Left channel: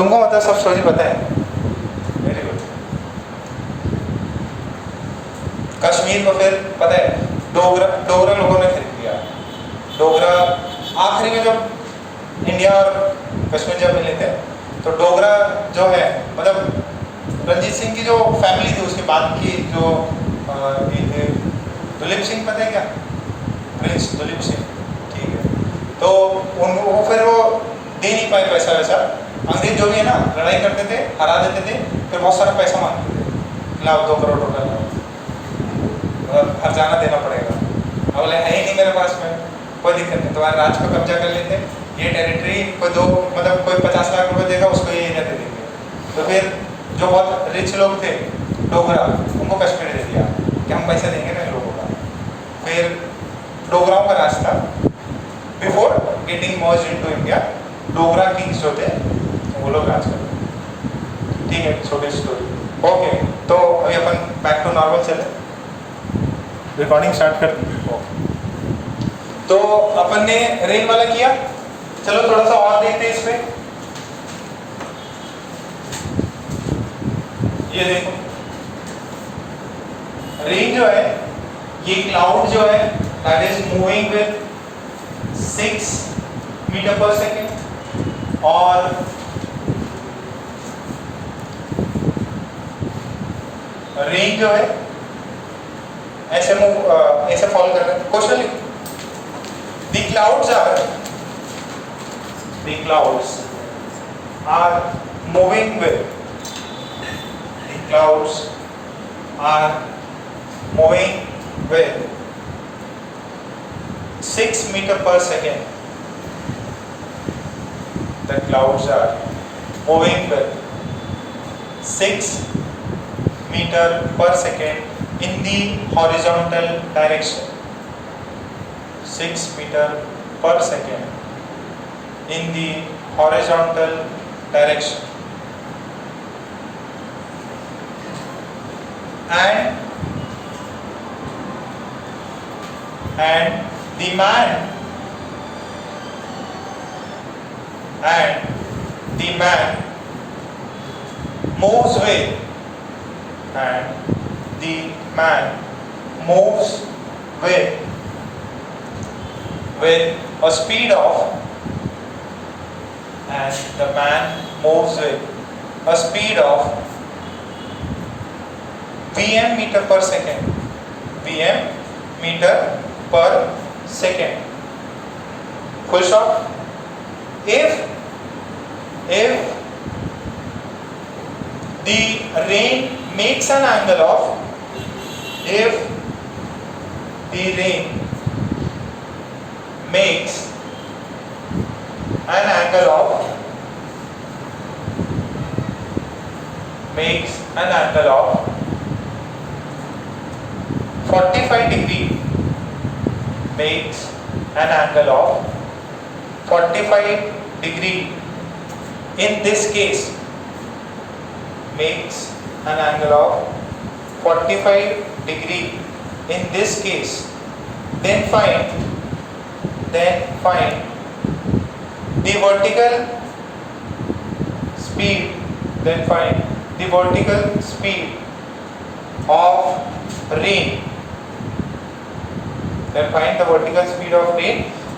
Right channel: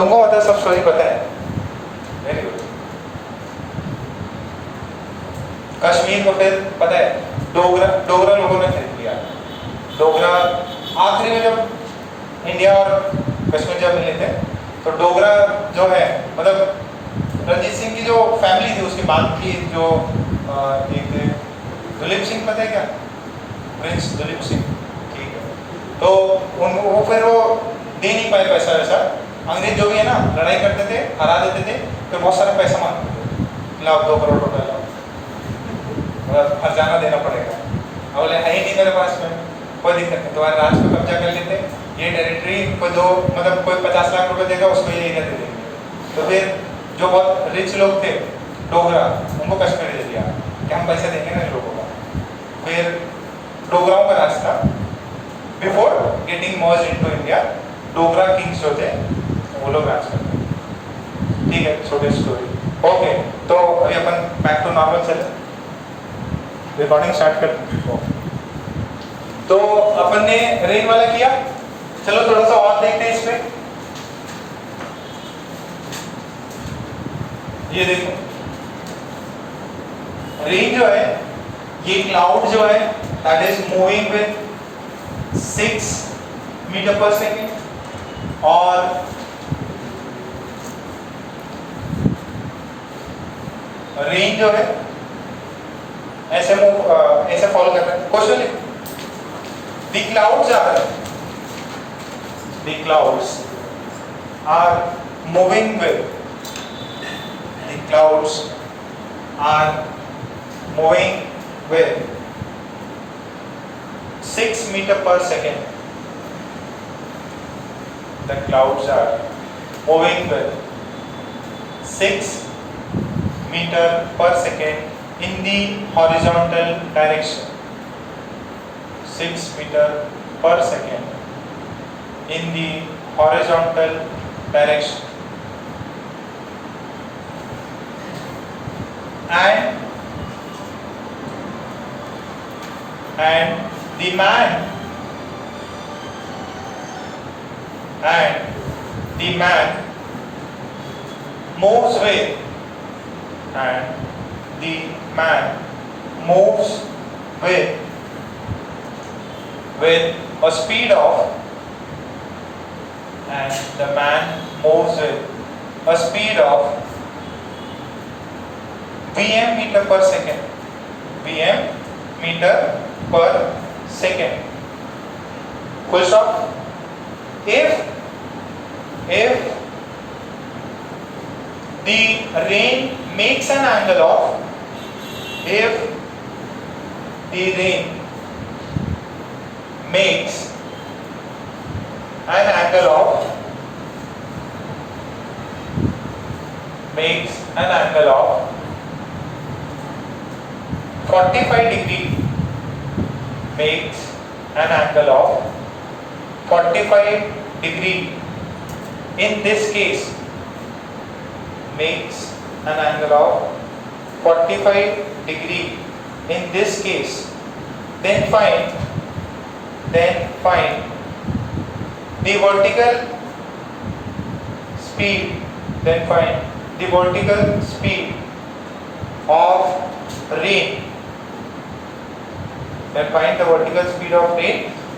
तुमको मतलब सब स्टोरी पता है? Very good. कश्मीर को फिर पता है डोगरा लोगों ने खरीद लिया। डोगरा आखिरी में जब इंडिया और कश्मीर जब मिले थे तो डोगरा जो है मतलब रंजीत सिंह की जो फैमिली थी उसके बाद की जो दुलीप सिंह पता है क्या? प्रिंस दुलीप सिंह, ठीक है। तो वो फिर वो दे नहीं पाए पैसा वैसा। अंग्रेज जो भी है ना लड़ाई करते थे, हरा देते थे, फिर बहुत सारा पैसा मांगते थे, लाओ 2 करोड़ रुपए लाओ, मतलब हर्जाना देना पड़ेगा। अब बोले है ही नहीं मेरे पास में, कोई दिक्कत नहीं, तुम्हारे राज पे कब्जा कर लेते, ये टेरिटरी कोई दो मतलब कोई 50 लाख रुपए देगा उसको ये एरिया दे देंगे। तो फिर जो बहुत रिच लोग थे डोगरा उनको कश्मीर दे दिया कि हम पैसे देंगे ना इन लोगों का। फिर डोगराओं का राज था before getting merge into India. Dogra Kings जो थे वो लोग राज करते, ठीक है। छोटी स्टोरी, ओके। तो अभी अपन बैक टू नॉर्मल चले, रिकॉर्डिंग स्टार्ट करते। तो अपन ने रेन वाला किया, चलो थोड़ा सा और देखते हैं इस पे। ये देखो रेन जो है ये क्लाउड जो है that is moving with 6 meter per second और रेन जो है ऐसे ऐसे फॉलो कर रहे हैं। क्वेश्चन लिखो, the clouds are moving with, the clouds are moving with 6 meter per second. The clouds are moving with 6 meter per second in the horizontal direction. 6 meter per second in the horizontal direction. And the man moves with, and the man moves with a speed of, and the man moves with a speed of Vm meter per second. Vm meter per second. Full stop. If the rain makes an angle of, if the rain makes an angle of 45 degree, makes an angle of 45 degree, in this case makes an angle of 45 degree in this case, then find the vertical speed, of rain,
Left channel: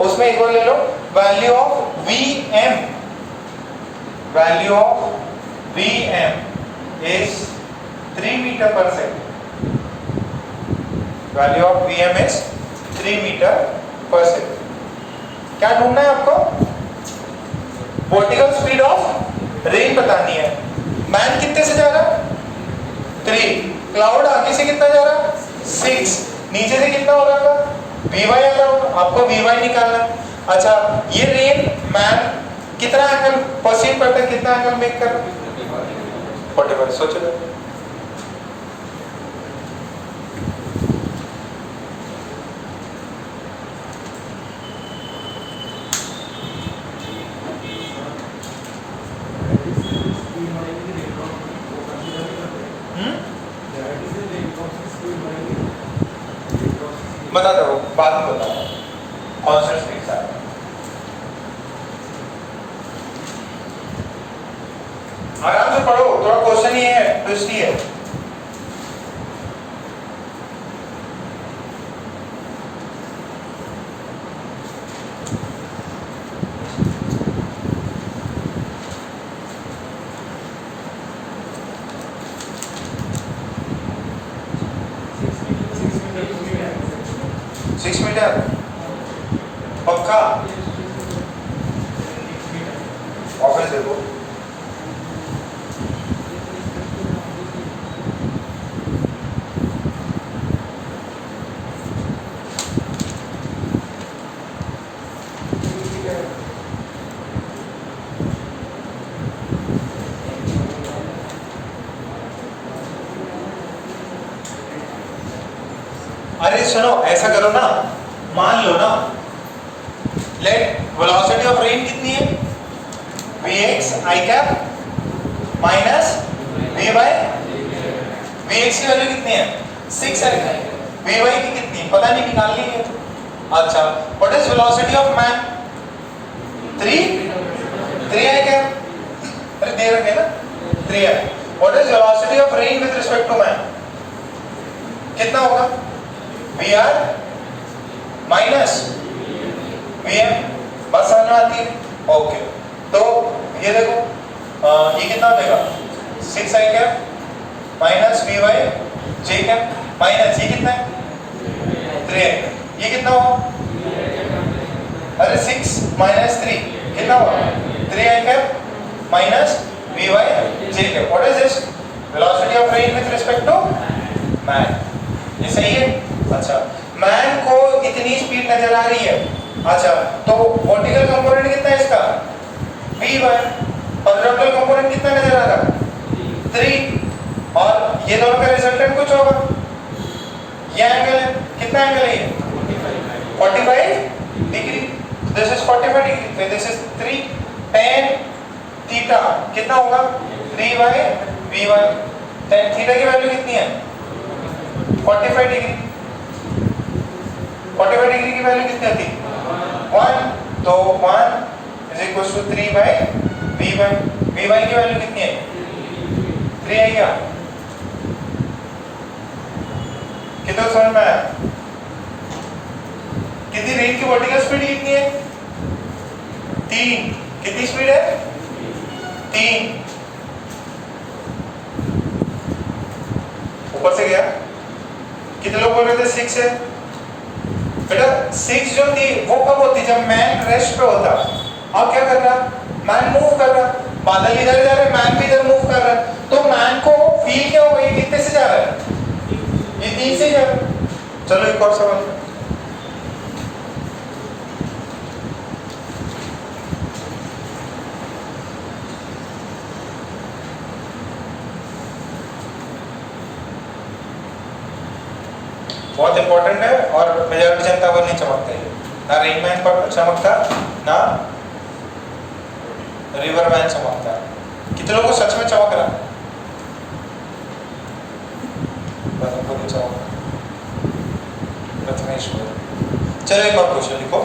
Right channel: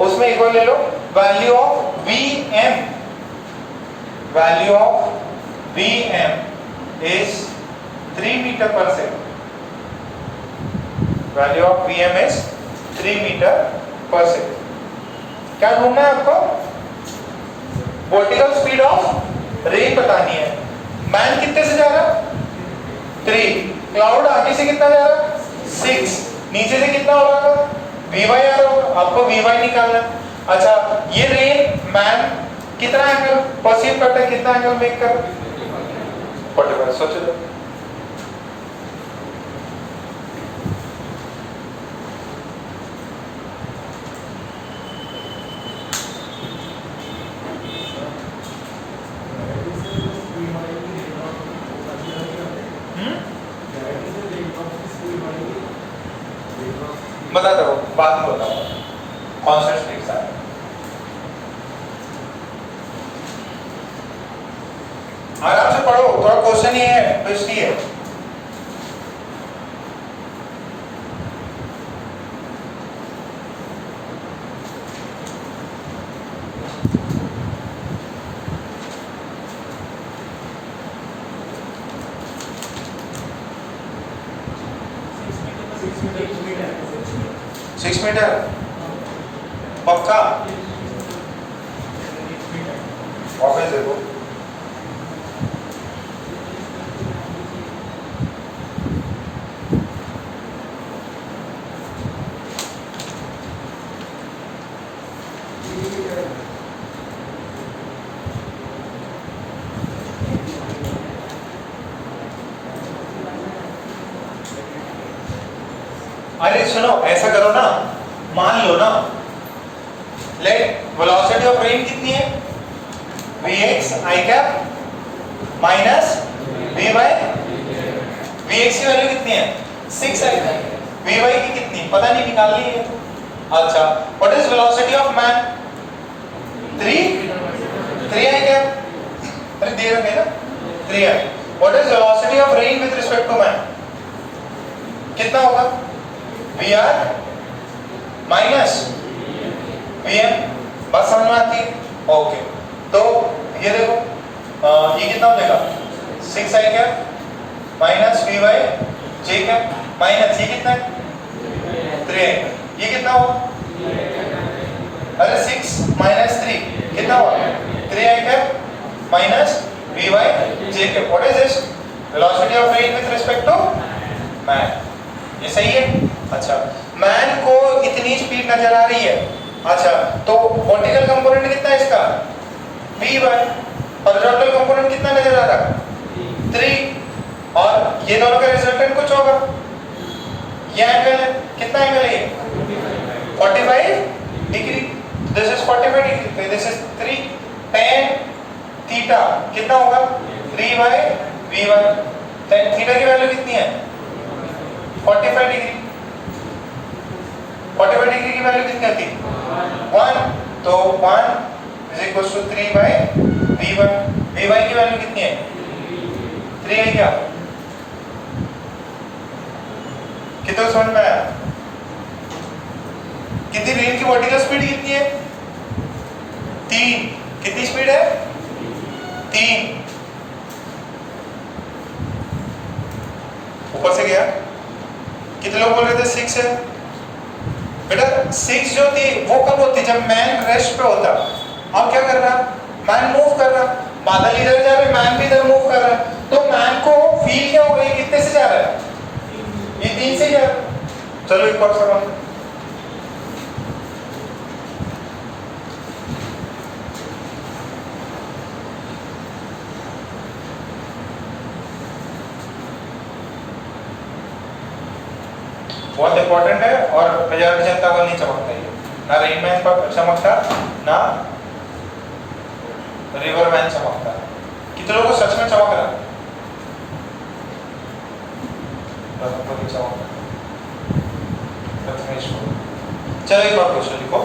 उसमें equal ले low value of Vm is 3 meter per second. Value of Vm is 3 meter per second. क्या ढूंढना है आपको? Vertical speed of rain बतानी है। Man कितने से जा रहा? 3। क्लाउड आगे से कितना जा रहा? 6। नीचे से कितना हो रहा था? Vy आ रहा होगा, आपको Vy निकालना। अच्छा, ये रेन मैन कितना एंगल परसीव करता है, कितना एंगल मेक कर? 45। सोचो तो। बता दो, बाद में बताऊंगा कॉन्स्टेंट स्पीड साथ। से पढ़ो, पूरा क्वेश्चन ही है, ट्विस्ट ही है। सिक्स मीटर पक्का? ऑफिस देखो। अरे सुनो, ऐसा करो ना, मान लो ना, लेट वेलोसिटी ऑफ रेन कितनी है? Vx I cap minus Vy, Vx की वैल्यू कितनी है? 6 है। Vy की कितनी पता नहीं, निकालनी है। अच्छा, what is velocity of man? 3 है क्या? अरे दे रखे ना, 3 है। What is velocity of rain with respect to man? कितना होगा? Vr माइनस Vm, बस समझ में आती है? ओके, तो ये देखो, ये कितना हो जाएगा? 6 i cap minus Vy j cap minus ये कितना है? 3 आई कैप। ये कितना हुआ? अरे 6 माइनस 3 कितना हुआ? 3 i cap minus Vy j cap. What is this? Velocity of rain with respect to man. ये सही है? अच्छा, मैन को इतनी स्पीड नजर आ रही है। अच्छा, तो वर्टिकल कंपोनेंट कितना है इसका? Vy। हॉरिजॉन्टल कंपोनेंट कितना नजर आ रहा है? 3। और ये दोनों का रिजल्टेंट कुछ होगा। ये एंगल है, कितना एंगल है ये? 45 degree. This is 45 degree, this is 3 tan theta कितना होगा? Vy tan थीटा की वैल्यू कितनी है? 45 डिग्री। 45 डिग्री की वैल्यू कितनी होती है? 1। तो 1 is equal to 3 by Vy। Vy की वैल्यू कितनी है? 3 है क्या? कितना समझ में आया? कितनी रेन की वर्टिकल स्पीड कितनी है? 3। कितनी स्पीड है? 3। ऊपर से गया। कितने लोग बोल रहे थे 6 है? बेटा 6 जो थी वो कब होती? जब मैन रेस्ट पे होता। अब क्या कर रहा? मैन मूव कर रहा। बादल इधर जा रहे, मैन भी इधर मूव कर रहा है। तो मैन को फील क्या होगा? ये कितने से जा रहा है? ये 3 से जा रहा है। चलो एक और सवाल। बहुत इंपॉर्टेंट है और बाजार में जनता को नहीं चमकता है। ना रेनमैन पर चमकता, ना रिवरमैन चमकता। कितने लोगों को सच में चमक रहा? बस उनको तो चमक रहा। चलो एक और क्वेश्चन लिखो।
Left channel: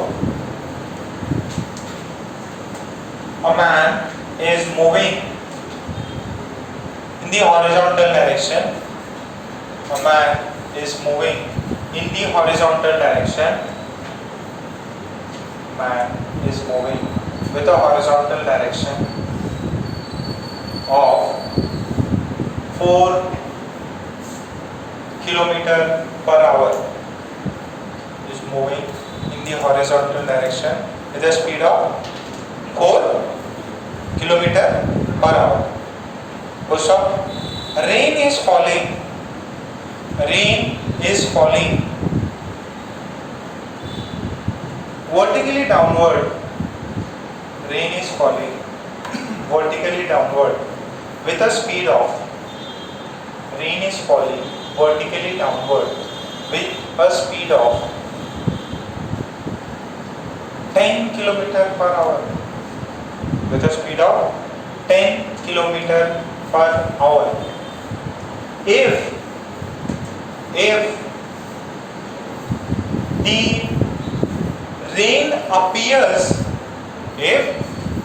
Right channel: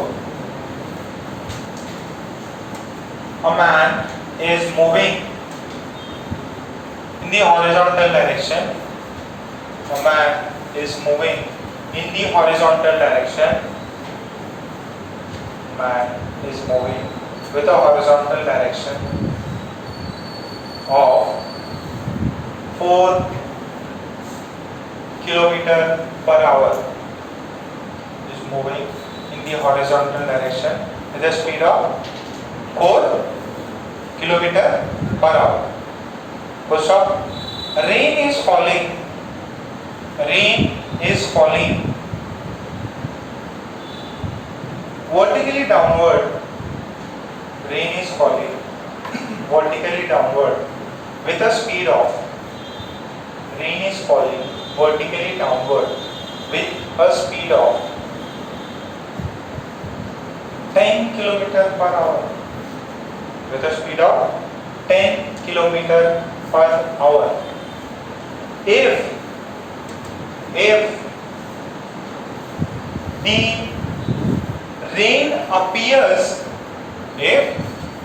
A man is moving in the horizontal direction. A man is moving in the horizontal direction. Man is moving with a horizontal direction of 4 kilometer per hour. Is moving in the horizontal direction with a speed of 4 kilometer per hour. Question: rain is falling. Rain is falling vertically downward. Rain is falling vertically downward with a speed of. Rain is falling vertically downward with a speed of 10 kilometer per hour. With a speed of 10 kilometer per hour. If the rain appears, if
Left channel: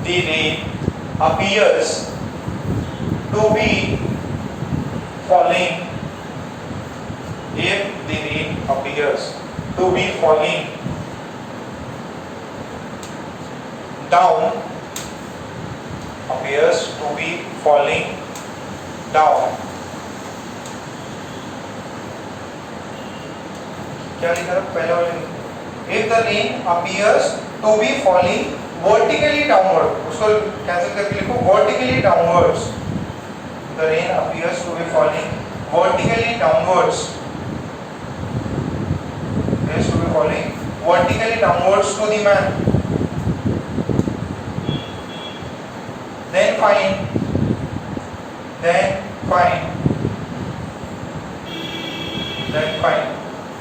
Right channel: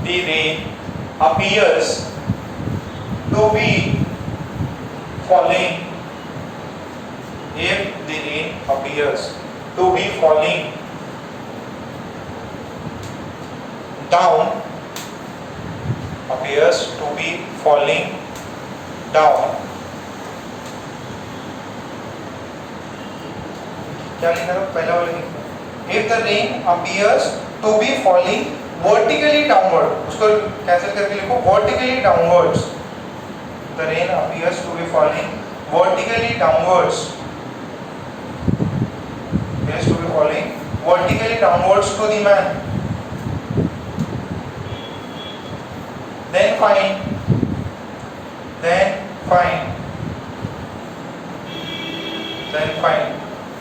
the rain appears to be falling if the rain appears to be falling down, appears to be falling down. क्या लिखा था पहले वाले? If the rain appears to be falling vertically downward, उसको cancel करके लिखो vertically downwards. The rain appears to be falling vertically downwards. Appears to be falling vertically downwards to the man. Then find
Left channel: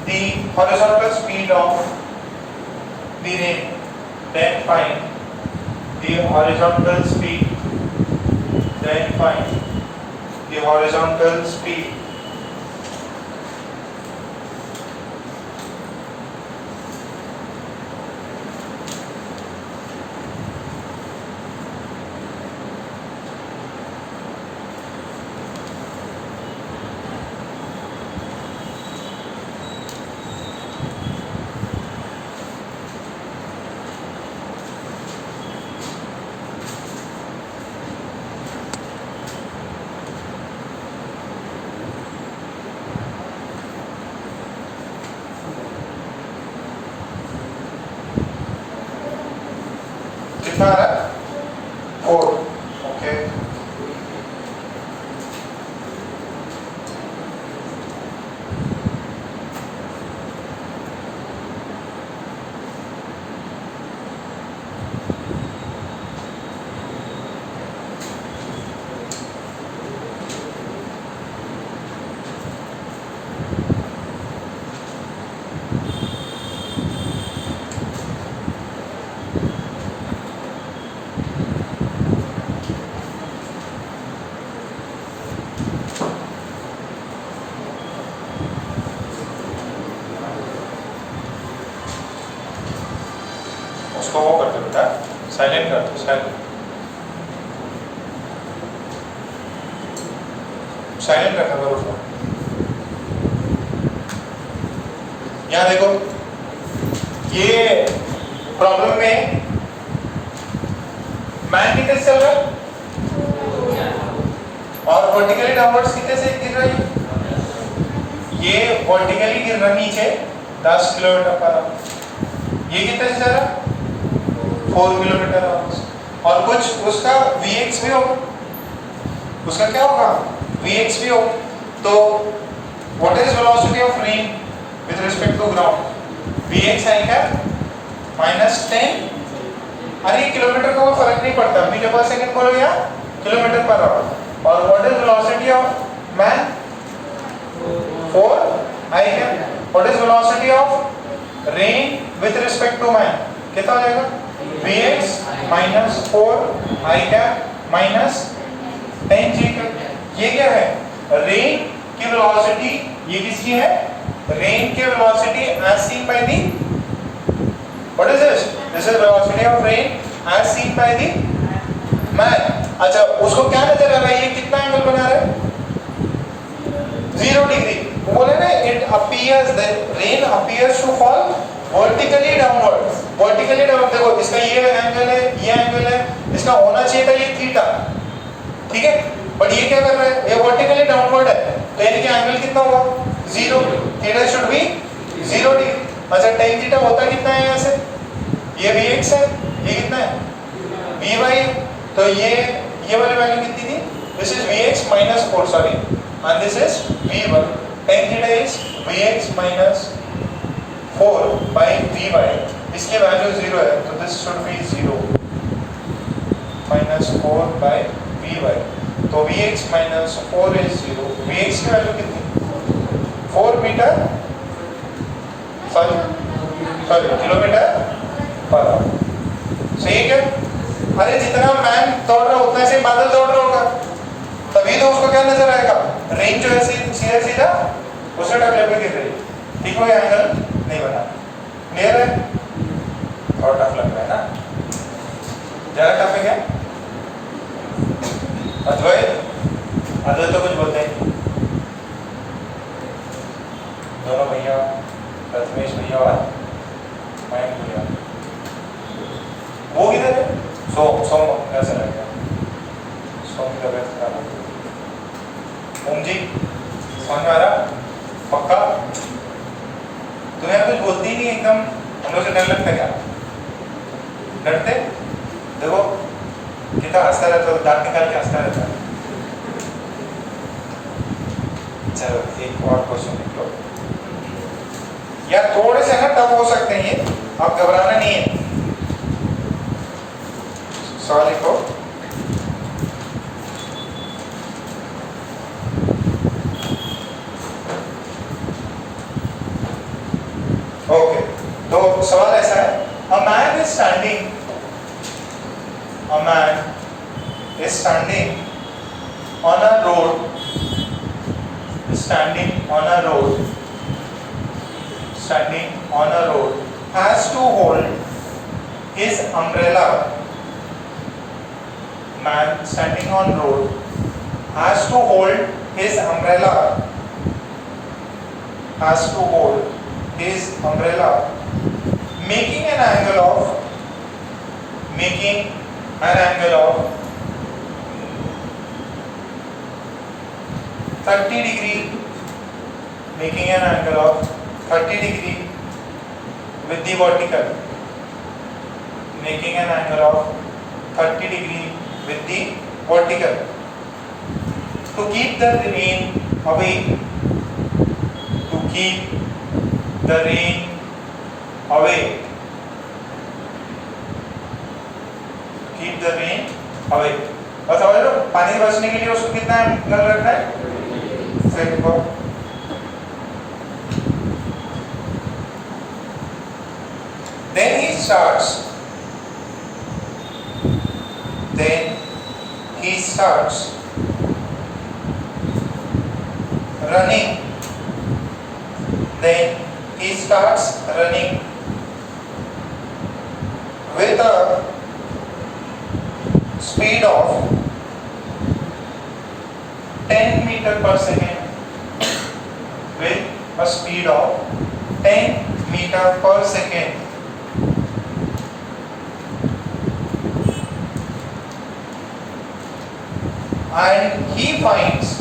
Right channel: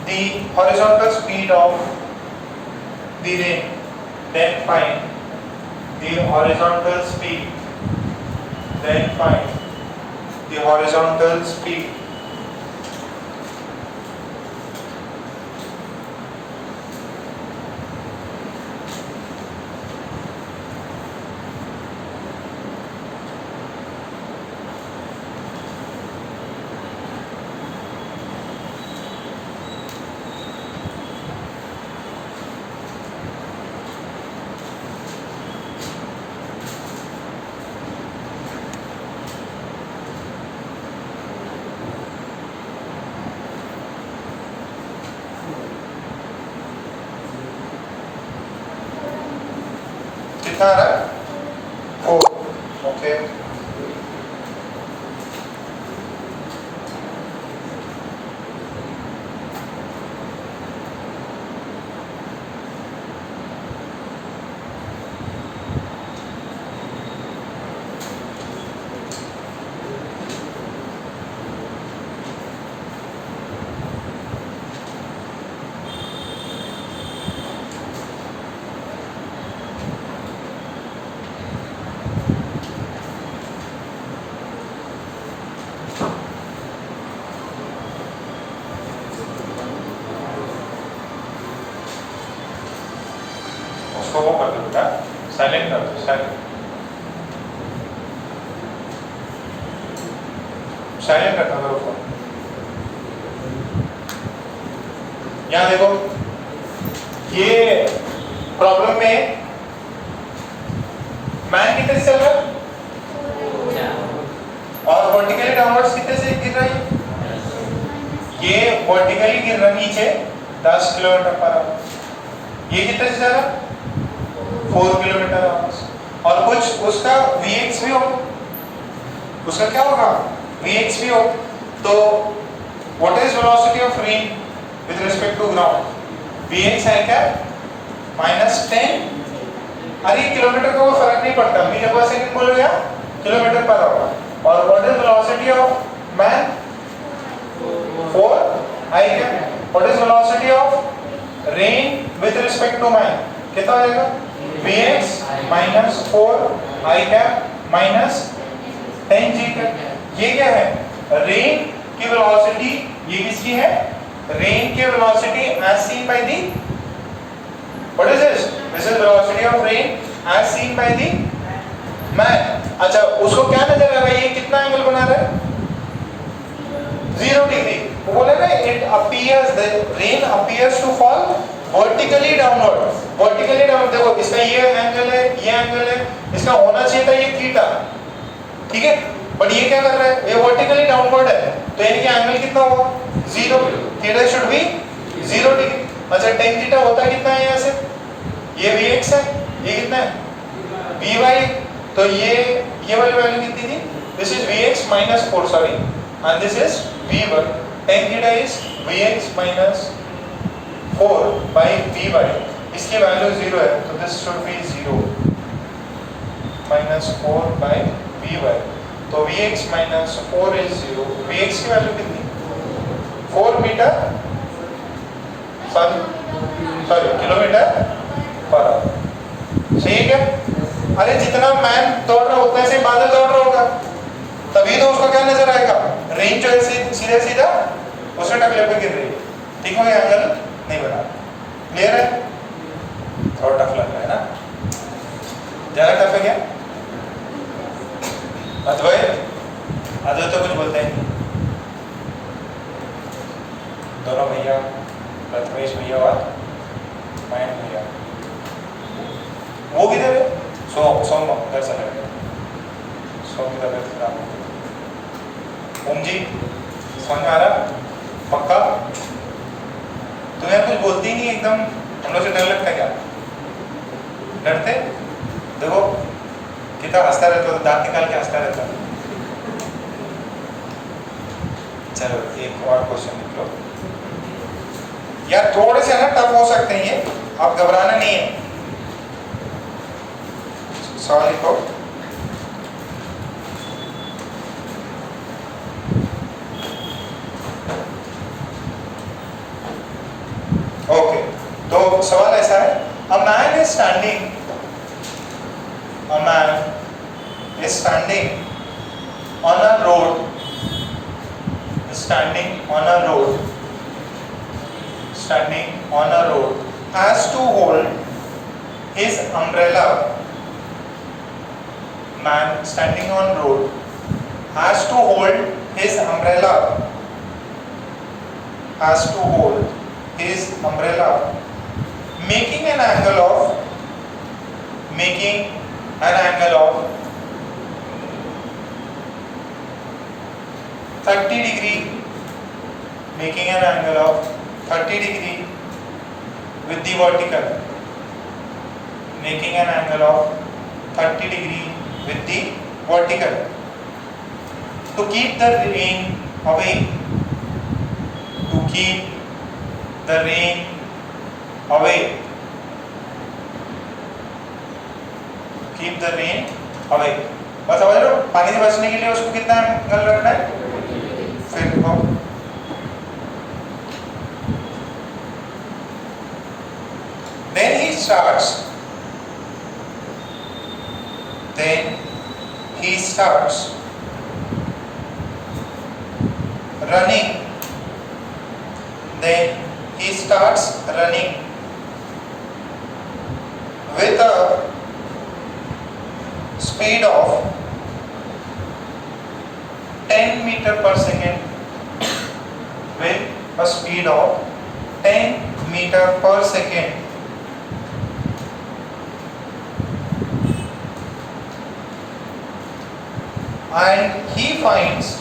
the horizontal speed of the rain. Then find the horizontal speed. Then find the horizontal speed. कितना आ रहा है? 4. Okay, उसको वो कर दो बेटा, silent कर दो, साइलेंट रखना करो उसको। यहाँ देखो, ये प्रॉब्लम में मैन कितने से चल रहा है और वर्टिकली डाउनवर्ड्स कितने से गिर रहा है? ये वर्टिकली गिर रहा नीचे 10 किलोमीटर पर आवर। ये कितने से चल रहा है? 4 किलोमीटर आवर। और कुछ उसका Vx भी हो, उसका क्या होगा? Vx भी हो। तो what is velocity of rain with respect to ground? Vx है क्या? -10। अरे किलोमीटर का कोई फर्क नहीं पड़ता, मीटर पर सेकंड बोलो या किलोमीटर पर आवर। और what is velocity of man? 4 i क्या? What is velocity of rain with respect to man? कितना हो जाएगा? Vx -4 आई क्या -10 g का। ये क्या है? रेन की वेलोसिटी। ये किसकी है? रेन की velocity as seen by the, what is this? This is velocity of rain as seen by the man. अच्छा, उसको क्या नजर आ रहा है? ये कितना एंगल बना रहा है? 0 डिग्री। वो बोले ना, it appears, the rain appears to fall vertically downward. Vertically down, देखो इसका ये एंगल है, ये एंगल है, इसका होना चाहिए था ये थीटा, ठीक है? बट ये क्या कर रहा है? ये वर्टिकली डाउनवर्ड है, तो यानी कि एंगल कितना होगा? 0। Theta should be 0 degree. अच्छा, tan थीटा होता कितना है यहाँ से? ये Vx है, ये कितना है? Vy। तो ये वाली वैल्यू कितनी थी? This is Vx -4, sorry, and this is Vy। tan theta is Vx -4 by Vy। इसकी वैल्यू 0 है, तो this should be 0 -4 by Vy। तो Vx -4 इज 0। Vx की वैल्यू कितनी? 4 meter, sorry kilometer per hour. सही है? अरे जितना मैन दौड़ रहा उतना से बादल दौड़ रहा होगा, तभी तो उसको क्या नजर आएगा? रेन जो है सीधा सीधा उससे टकले पे गिर रही है, ठीक है? एंगल नहीं बना। क्लियर है? थोड़ा टफ लग रहा है ना? ज्यादा टफ है क्या? अद्वैत अदर तो कुछ बोलते नहीं, दोनों भैया, प्रथमेश भैया और मयंक भैया। वो किधर है? सोम घर से लग गया, सोम की तबीयत खराब हो गई। ओम जी समझ आ रहा? पक्का? तो यार कुछ बोलती ही नहीं एकदम, हम लोग से डर लगता क्या? डरते? देखो कितना हंसता रहता है, दांत निकाल के हंसता रहता है। चलो एक और क्वेश्चन लिख लो, या थोड़े से ना टफ हो सकते हैं ये, आप घबराना नहीं है। सवाल लिखो। ओके, तो सवाल ऐसा है, a man is standing on a road, has to hold his umbrella. Man standing on road has to hold his umbrella. Making an angle of 30 degree, with the vertical, to keep the rain away, और समझ लो पानी से बचने के लिए उसको कितना angle रखना है? फिर को then he starts running with a speed of 10 meter per second, and he finds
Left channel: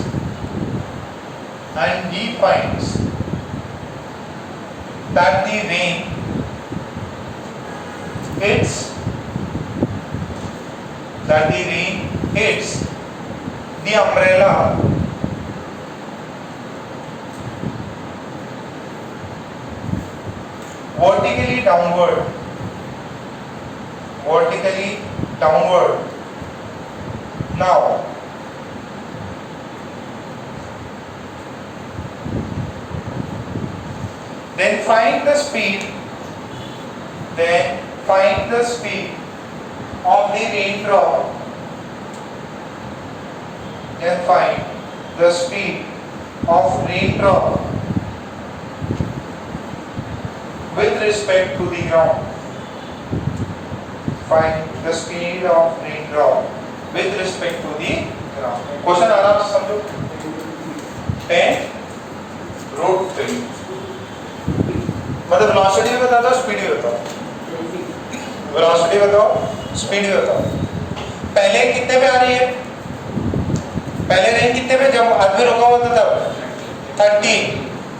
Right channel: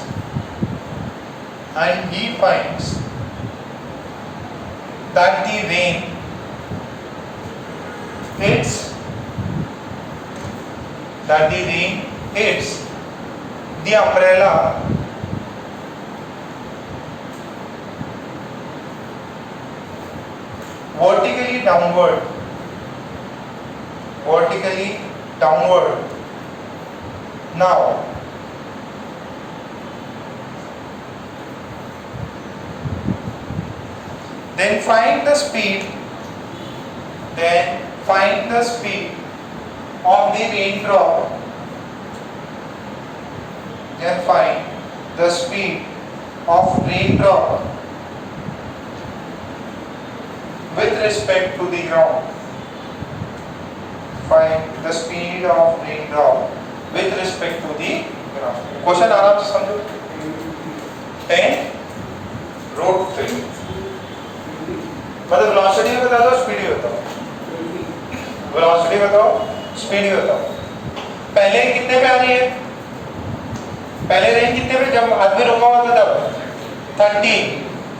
that the rain hits the umbrella vertically downward. Now then find the speed of the raindrop. With respect to the ground. Question आराम से समझो। 10 road पे मतलब velocity बता दो, speed भी बताओ। Velocity बताओ, स्पीड भी बताओ। पहले कितने पे आ रही है? पहले रेंज कितने पे, जब आदमी रुका हुआ था तब 30,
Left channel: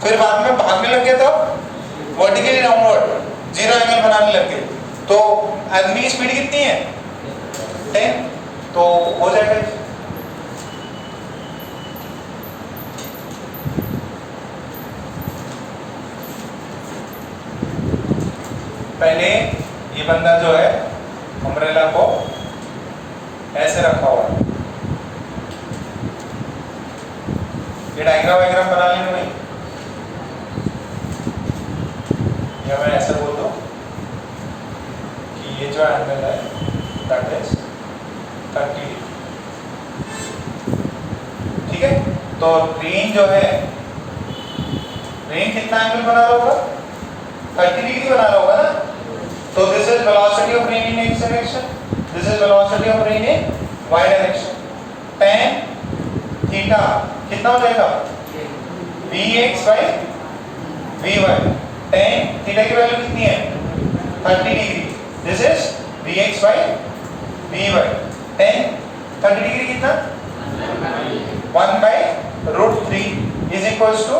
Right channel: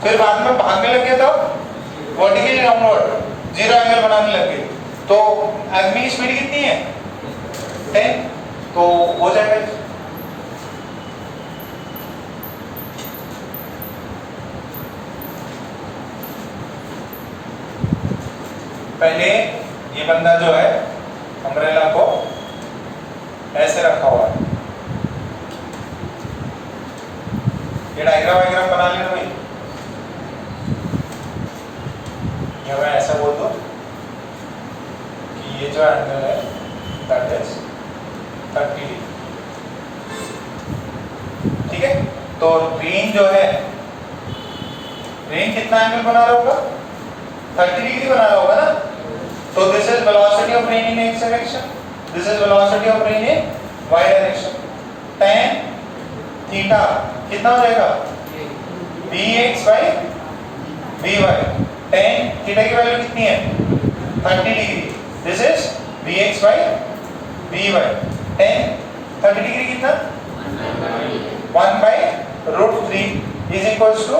फिर बाद में भागने लगे तो वर्टिकली डाउनवर्ड 0 एंगल बनाने लगे, तो आदमी की स्पीड कितनी है? 10, तो हो जाएगा। पहले ये बंदा जो है अम्ब्रेला को ऐसे रखा हुआ है, ये डायग्राम बना लिया भाई, या मैं ऐसा बोल दूं कि ये जो एंगल है दैट इज 30 डिग्री, ठीक है। तो रेन जो है, रेन कितना एंगल बना रहा होगा? 30 डिग्री बना रहा होगा ना। So this is velocity of rain in x direction. This is velocity of rain in y direction. Tan theta कितना हो जाएगा Vx by Vy। tan theta की वैल्यू कितनी है 30 degree. This is Vx by Vy। tan 30 degree कितना 1 by root 3 is equals to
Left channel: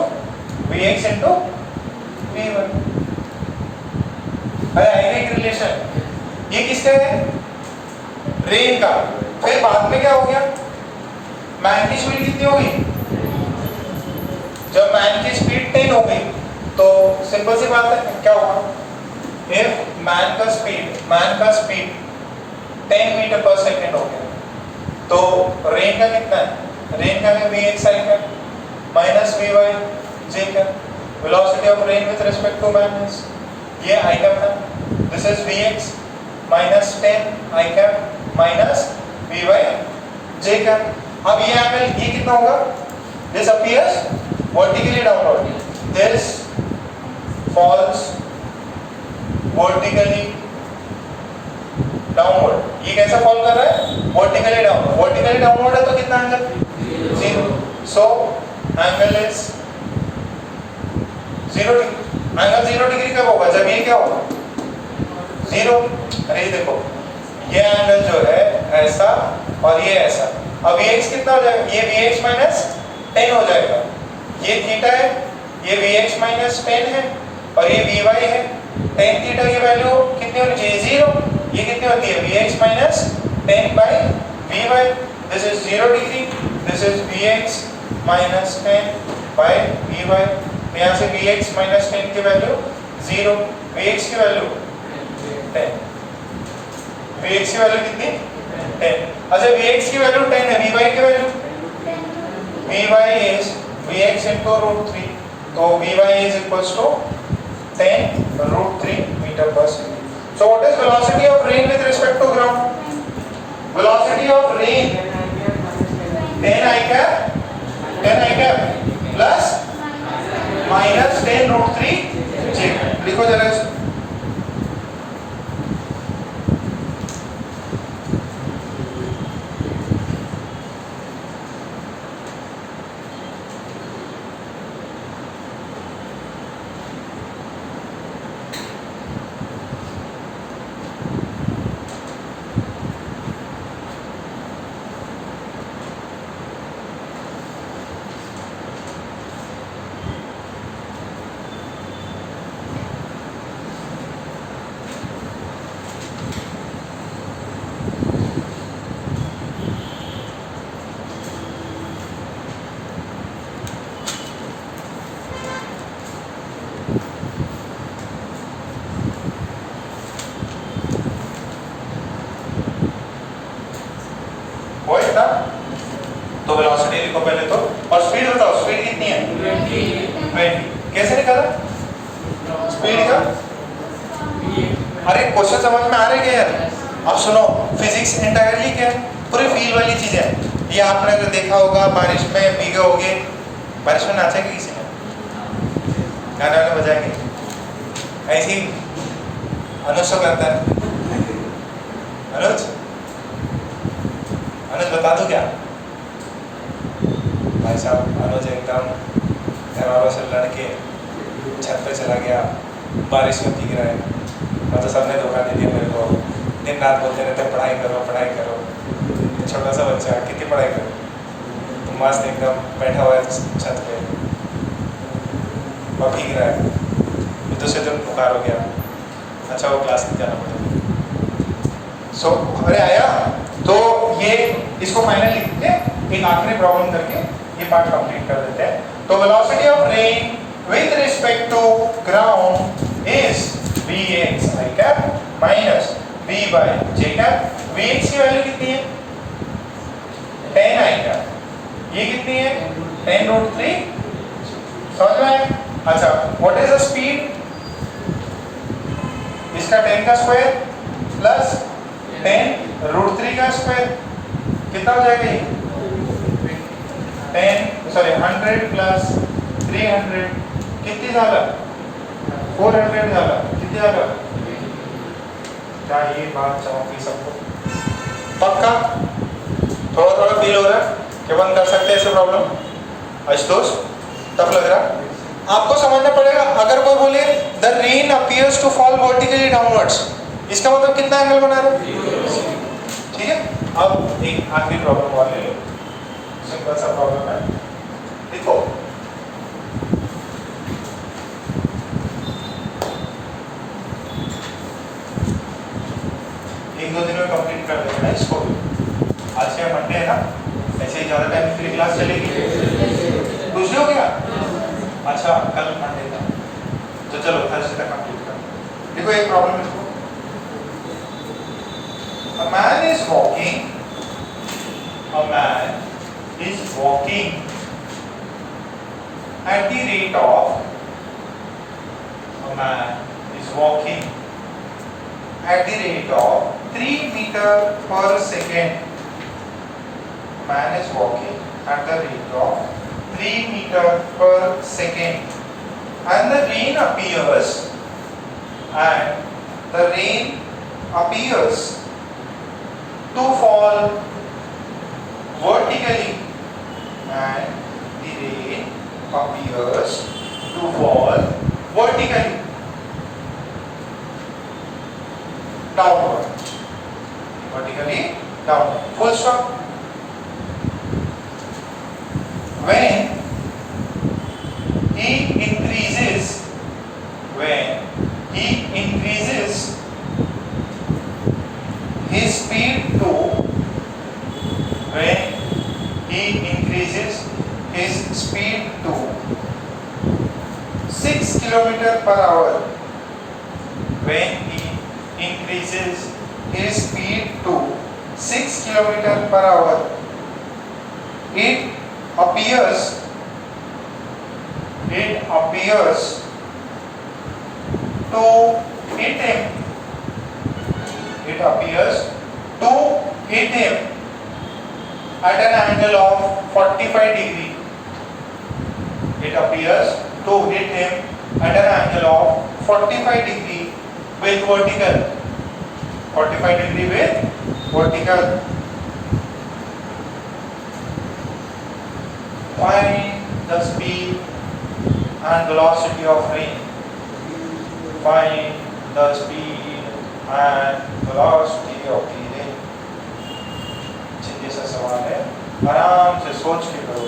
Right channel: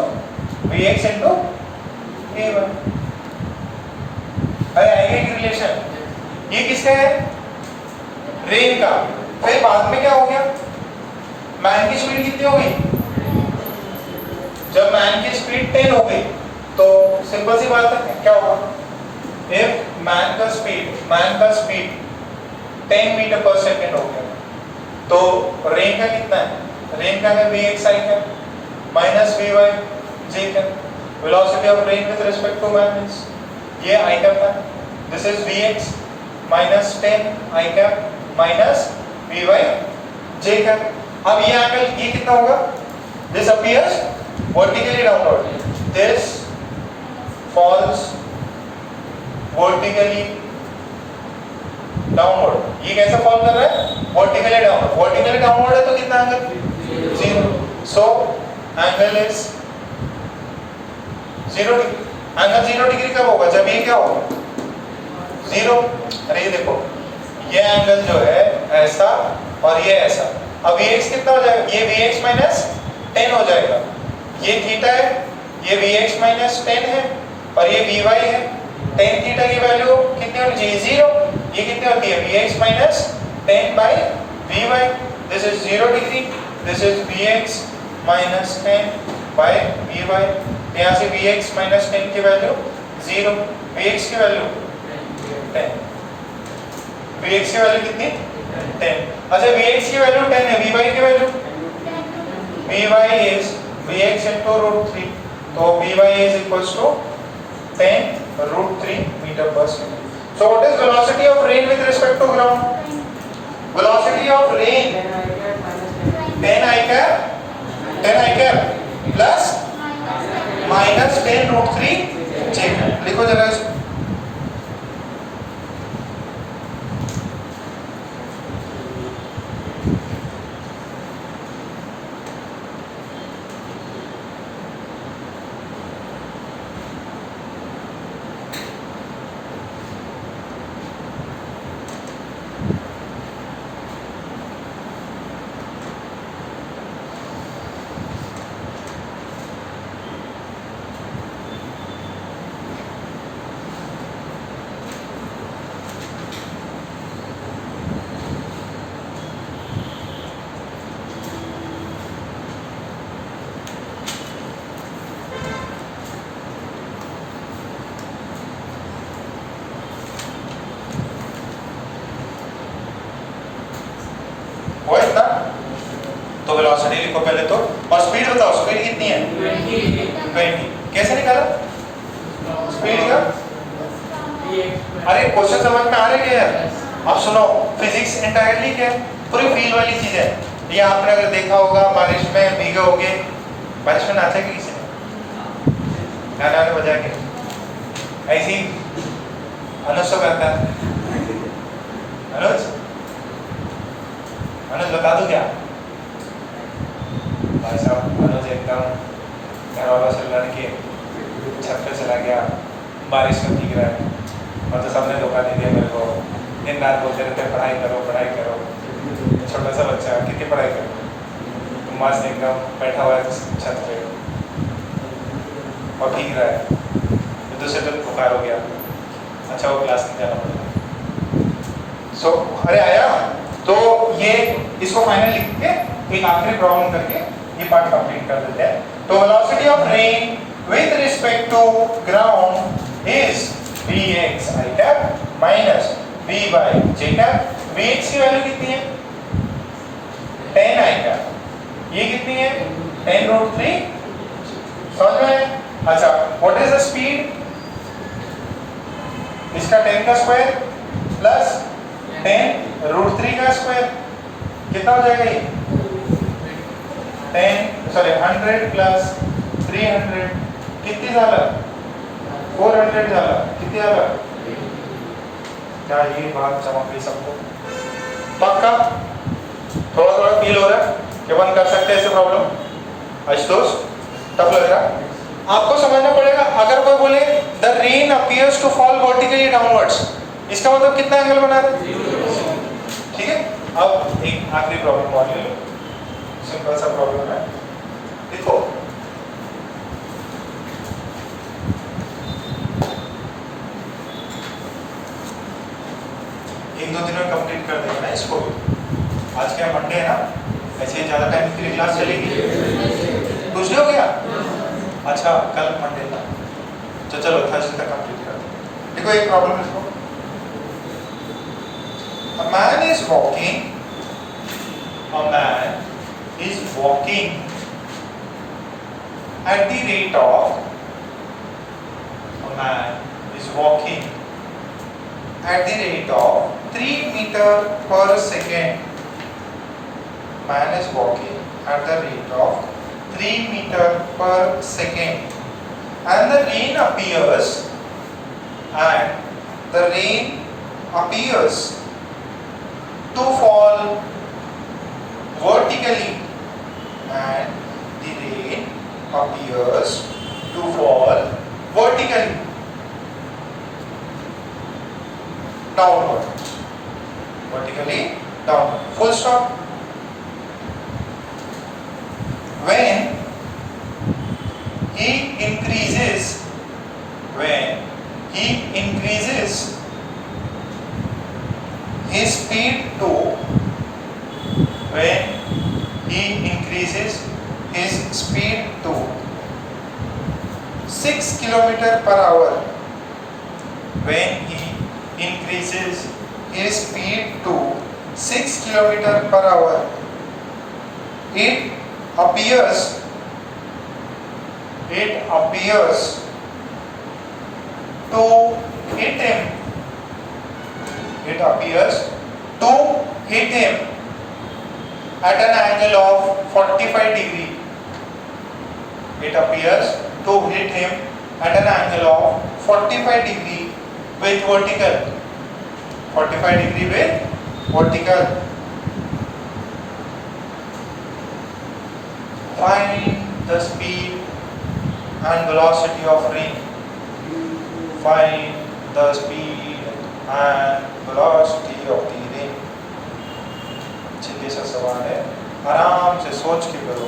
Vx into Vy। अरे आएगा एक रिलेशन। ये किसका है रेन का। फिर बाद में क्या हो गया मैन की स्पीड कितनी हो गई जब मैन की स्पीड 10 हो गई तो सिंपल सी बात है क्या होगा इफ मैन का स्पीड 10 मीटर पर सेकेंड हो गया तो रेन का कितना है रेन का है Vx आई का माइनस Vy j का velocity of rain with respect to man ये आई का है this is Vx minus 10 i का माइनस Vy j का। अब ये एंगल ये कितना होगा this appears vertically downward this falls vertically downward. ये कैसा फॉल कर रहा है वर्टिकली डाउनवर्ड है तो कितना angle 0। So angle is 0 degree. Angle 0 degree कब होगा जब ये क्या होगा 0। अरे देखो ये एंगल जो है ऐसा और ये ऐसा। अब Vx कितना हो जाएगा ये Vx माइनस 10 हो जाएगा। ये थीटा है ये Vx माइनस 10 है और ये Vy है। tan थीटा की वैल्यू कितनी होनी चाहिए 0। ये कितनी होती है Vx minus 10 by Vy। This is 0 degree this is Vx minus 10 by Vy। यहाँ से Vx माइनस 10 की वैल्यू 0 Vx की वैल्यू 10 Vx की वैल्यू कितनी 10। अच्छा Vx की वैल्यू 10 है Vy की value Vy is Vx into root 3 तो Vy is equals to 10 root 3 meter per second. So what is velocity of rain with respect to ground? Velocity of rain 10 I cap plus minus 10 root 3 j। लिखो जरा इसको। तो velocity लिखो पहले तो और speed बताओ स्पीड कितनी है 20। कैसे निकाला स्पीड का अरे क्वेश्चन समझ में आ रहे हैं यार। अब सुनो फिजिक्स इंटायरली क्या है पूरी फील वाली चीज है। ये आपने अगर देखा होगा बारिश में भीगे होगे बारिश में नाचा कि किसी ने गाने वाने बजा के ऐसी अनुज तो करता है अनुज बता दो क्या भाई साहब अनुज एकदम घर वालों से लड़ के छत पे चला गया बारिश में भीग रहा है और तो सबने धोखा नहीं दिया मेरे को दिन रात बोलते रहते पढ़ाई करो तो छोटा सा बच्चा कितनी पढ़ाई करो तो मस्त एकदम बैठा हुआ है छत पे और भीग रहा है तो दूसरे दिन बुखार हो गया। अच्छा वो क्लास में जाना पड़ेगा। सो अरे आया तो ये इसको फाइनल लिख के एक आखिरी प्रॉब्लम करके ये पार्ट कंप्लीट कर देते हैं। तो velocity of rain with respect to ground is Vx I cap minus Vy j cap। Vx की वैल्यू कितनी है 10 I cap ये कितनी है 10 root 3 समझ में आया। अच्छा व्हाट इज द स्पीड इसका 10 का स्क्वायर प्लस 10 रूट 3 का स्क्वायर कितना हो जाएगा ये 100 प्लस 300 कितनी झाला 400 झाला किती झाला क्या ये बात चमक गई सबको पक्का थोड़ा फील हो रहा है। क्या बंद कर सकते हैं ऐसे प्रॉब्लम आशुतोष? तब लग रहा आपको समझना पड़ेगा। अगर कोई बोले the rain appears to fall vertically downwards, इसका मतलब कितना एंगल बना रहे? ठीक है। अब एक आखिरी प्रॉब्लम और ले लो, सिंपल सा प्रॉब्लम है, देखो एक दो दिन में कंप्लीट कर देंगे ना इसको। आज क्या मंडे है ना, ऐसे ही ज्यादा टाइम के लिए क्लास चलेगी। दूसरे हो गया? अच्छा कल मंडे था, तो चलो थर्सडे तक कंप्लीट कर देंगे। देखो एक प्रॉब्लम है, a man is walking at the rate of a man is walking at the rate of 3 meter per second. Man is walking at the rate of 3 meter per second, and the rain appears to fall vertically, and the rain appears to fall vertically downward, vertically downward, full stop. When he increases his speed to when he increases his speed to 6 km per hour, when he increases his speed to 6 km per hour, it appears to hit him. It appears to hit him at an angle of 45 degree. It appears to hit him at an angle of 45 degree with vertical. 45 degree with vertical. Find the speed and velocity of rain. Find the speed and velocity of the rain. सीधे सा सवाल है, आराम से सोच के करो।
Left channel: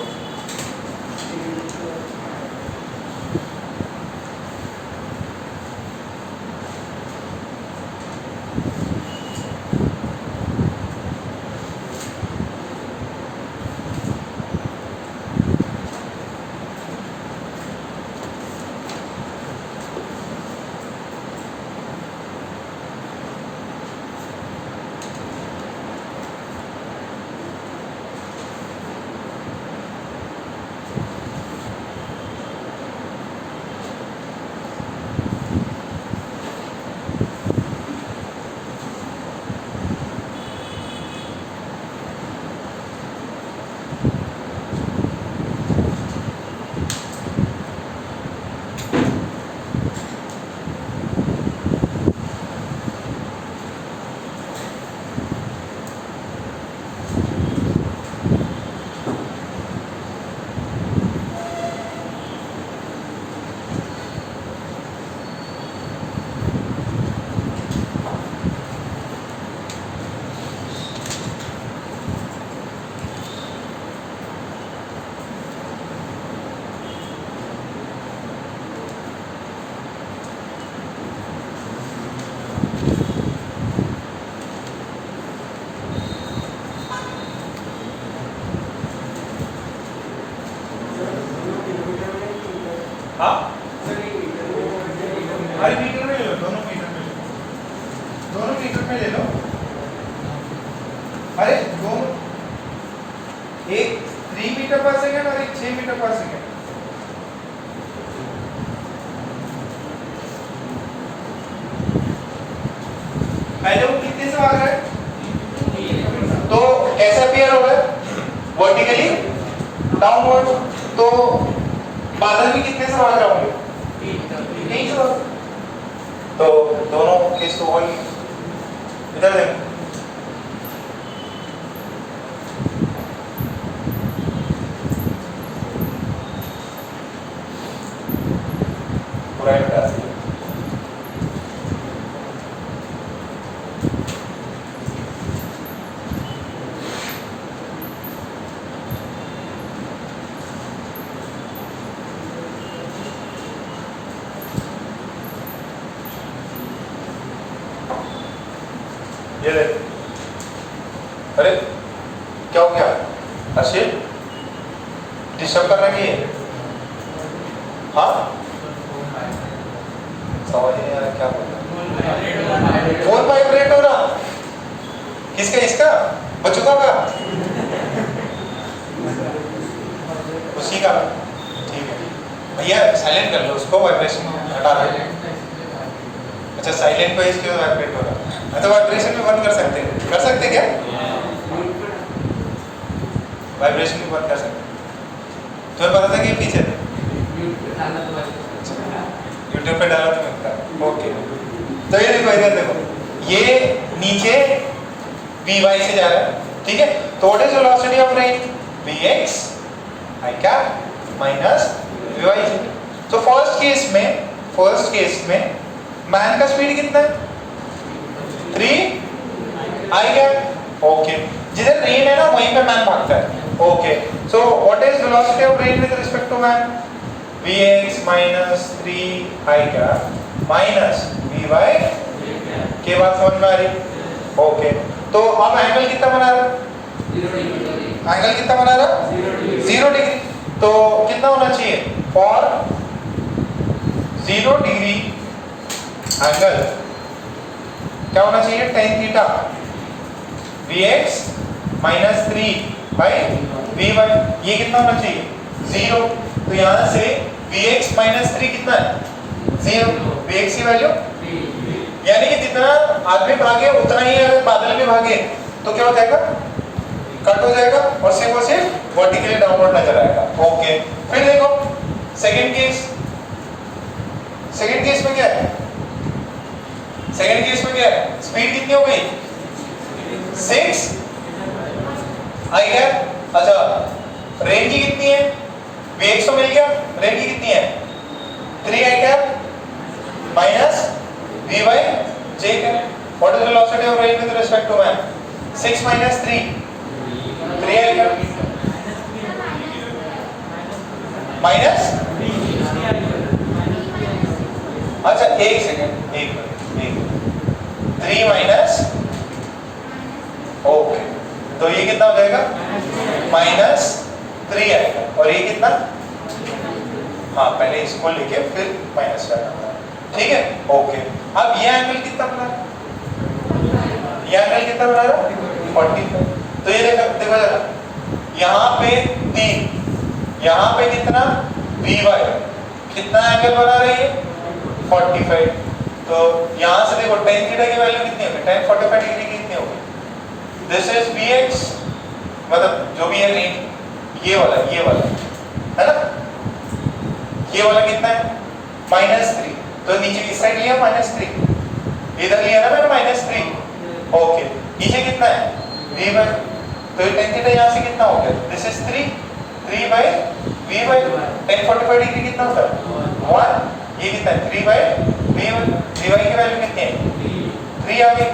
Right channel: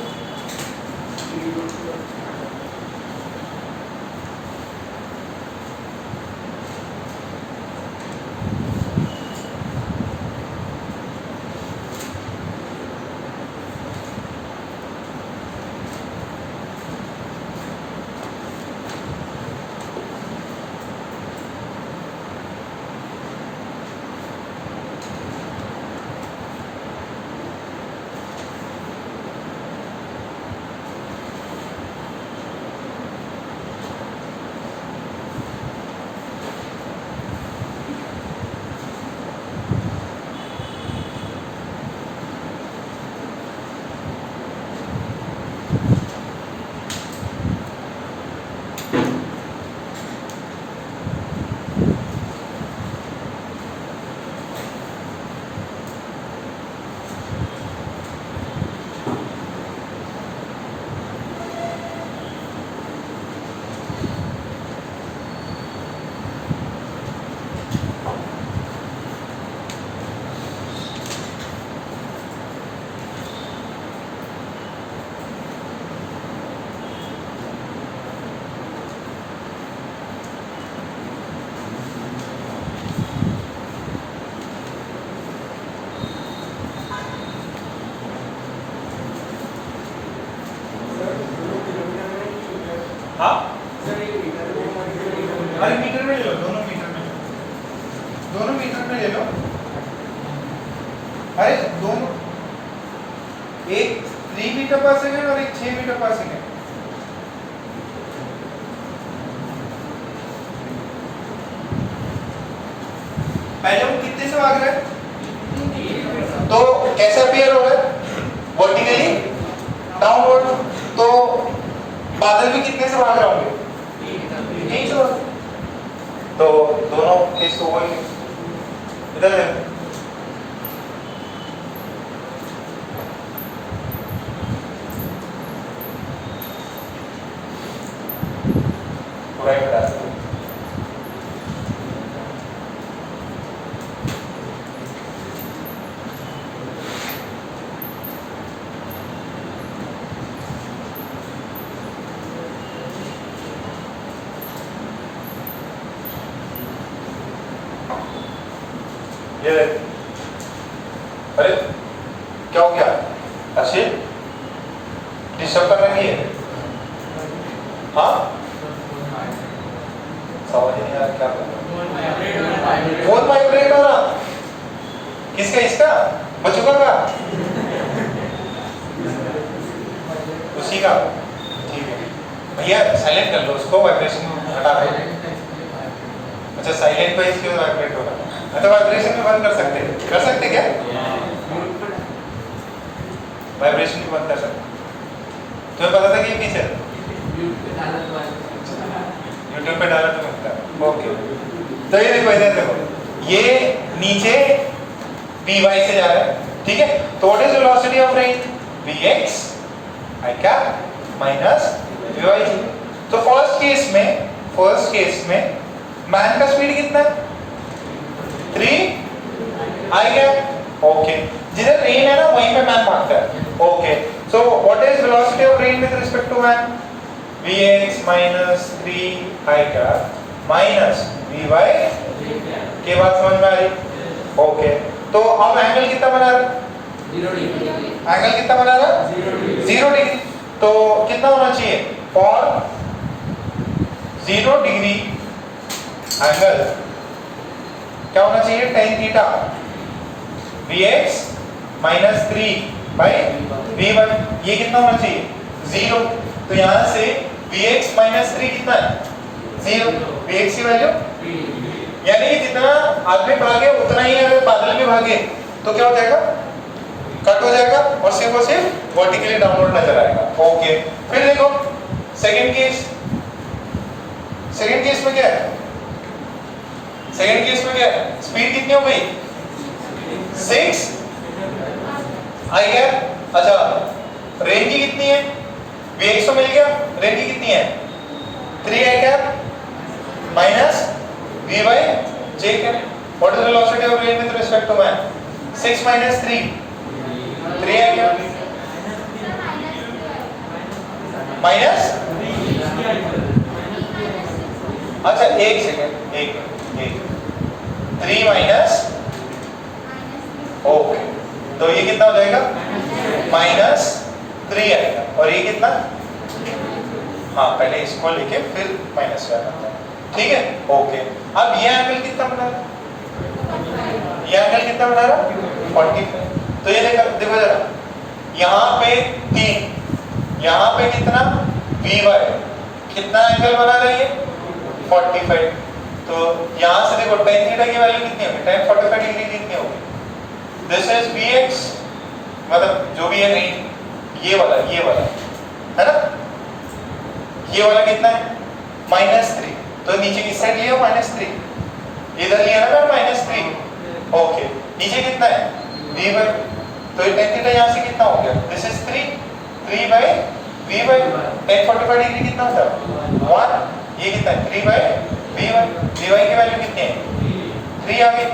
हाँ? अरे मीटर में ले लो, दोनों मीटर में ले लो, दोनों मीटर में ले लो। अरे दोनों, एक 3 मीटर पर सेकेंड और एक 6 मीटर पर सेकेंड। पहले वो कितने से भाग रहा है? तो कैसे अपीयर हो रहा है? Vertically downward. तो बादल भी कितने से भाग रहे होंगे? 3 से। तो दोनों केस तो वही इधर है। राइट में डाल सकते। ये देख, अरे क्या हो गया अर्षित, डिस्टर्ब कर रही है? हाँ समझ नहीं आ रहा क्या फोन वाइब्रेट हो रहा, किसका? इसका बचूगा का? उसी का, ठीक है भैया साइलेंट कर लो उसको, वाइब्रेशन हटा दो। अच्छा साइलेंट पे इसलिए वाइब्रेट हो रहा है, तो वाइब्रेशन भी बंद कर सकते हैं, कर सकते क्या? वाइब्रेशन भी बंद कर सकते, तुम्हें पता था कि पीछे यूट्यूब पे डाला तो मिलता है। ओके तो ये देखो इधर देखो, ये नीचे Vy से जा रहा है, ठीक है? तो what is velocity of rain? Vx I cap minus Vy। तो फर्स्ट केस में मैन का स्पीड कितना है? 3 I कैप। ओके, जिधर रेन है ना वहीं पे मैन भागता है। Okay, so what is velocity of rain with respect to man? Vx minus 3 I cap minus Vy के बाद समझ में आ रही? ओके, तो अब एंगल कितना बना रहा? 0 डिग्री। एंगल कितना बना रहा? 0 डिग्री। तो कितना होना चाहिए? फॉर 0 डिग्री एंगल क्या होना चाहिए? tan theta Vx minus 3 by Vy, ये कितना होना चाहिए? 0। तो यहां से Vx माइनस 3 कितना है? 0। Vx की वैल्यू, यानी कि जितना आदमी भागे उतना ही अगर बादल भी भागे तो क्या हो जाएगा? कट हो जाएगा और सिर्फ और सिर्फ वर्टिकली डाउनवर्ड नजर आएगा। ओके, फिर देखो सेकंड केस में क्या है? सेकंड केस में क्या है? स्पीड कितनी हो गई? 6 आई कैप। अच्छा रेंज की कितनी है? Vx तो मिल गया, रेंज की कितनी है? 3 i cap minus Vy j cap. What is velocity of rain with respect to man? 6 minus 3 I cap minus, अच्छा एक सेकेंड, एक 3 माइनस, ओके, तो ये कितना हो जाएगा? माइनस 3 आएगा। और ये कितना? हाँ पहले इसको लेके फिर माइनस करना है, ठीक है? ओके, अब ये एंगल कितना बना रहा? ये एंगल कितना बना रहा? 45। तो ये देखो जरा, यहाँ पे 3, यहाँ पे कितना? Vy कितना एंगल बना रही है? 45। तो यहाँ से देखो tan थीटा की वैल्यू कितनी होगी? tan 45 डिग्री कितनी होगी? दिस इज Vx, मतलब जो भी है रेंज, ये वाला है ना, ये वाला कितना है? -3। तो नीचे किस साइड लिया? -3। इधर लिया ना मैंने -3। ओके, नीचे कितना है? Vy। तो tan थीटा यहाँ से कितना हो गया? This is 3 by Vy। tan 45 degree कितना होता है? 1। ये कितना है? 3 बाई Vy। Vy की वैल्यू कितनी है? 3 आ गई।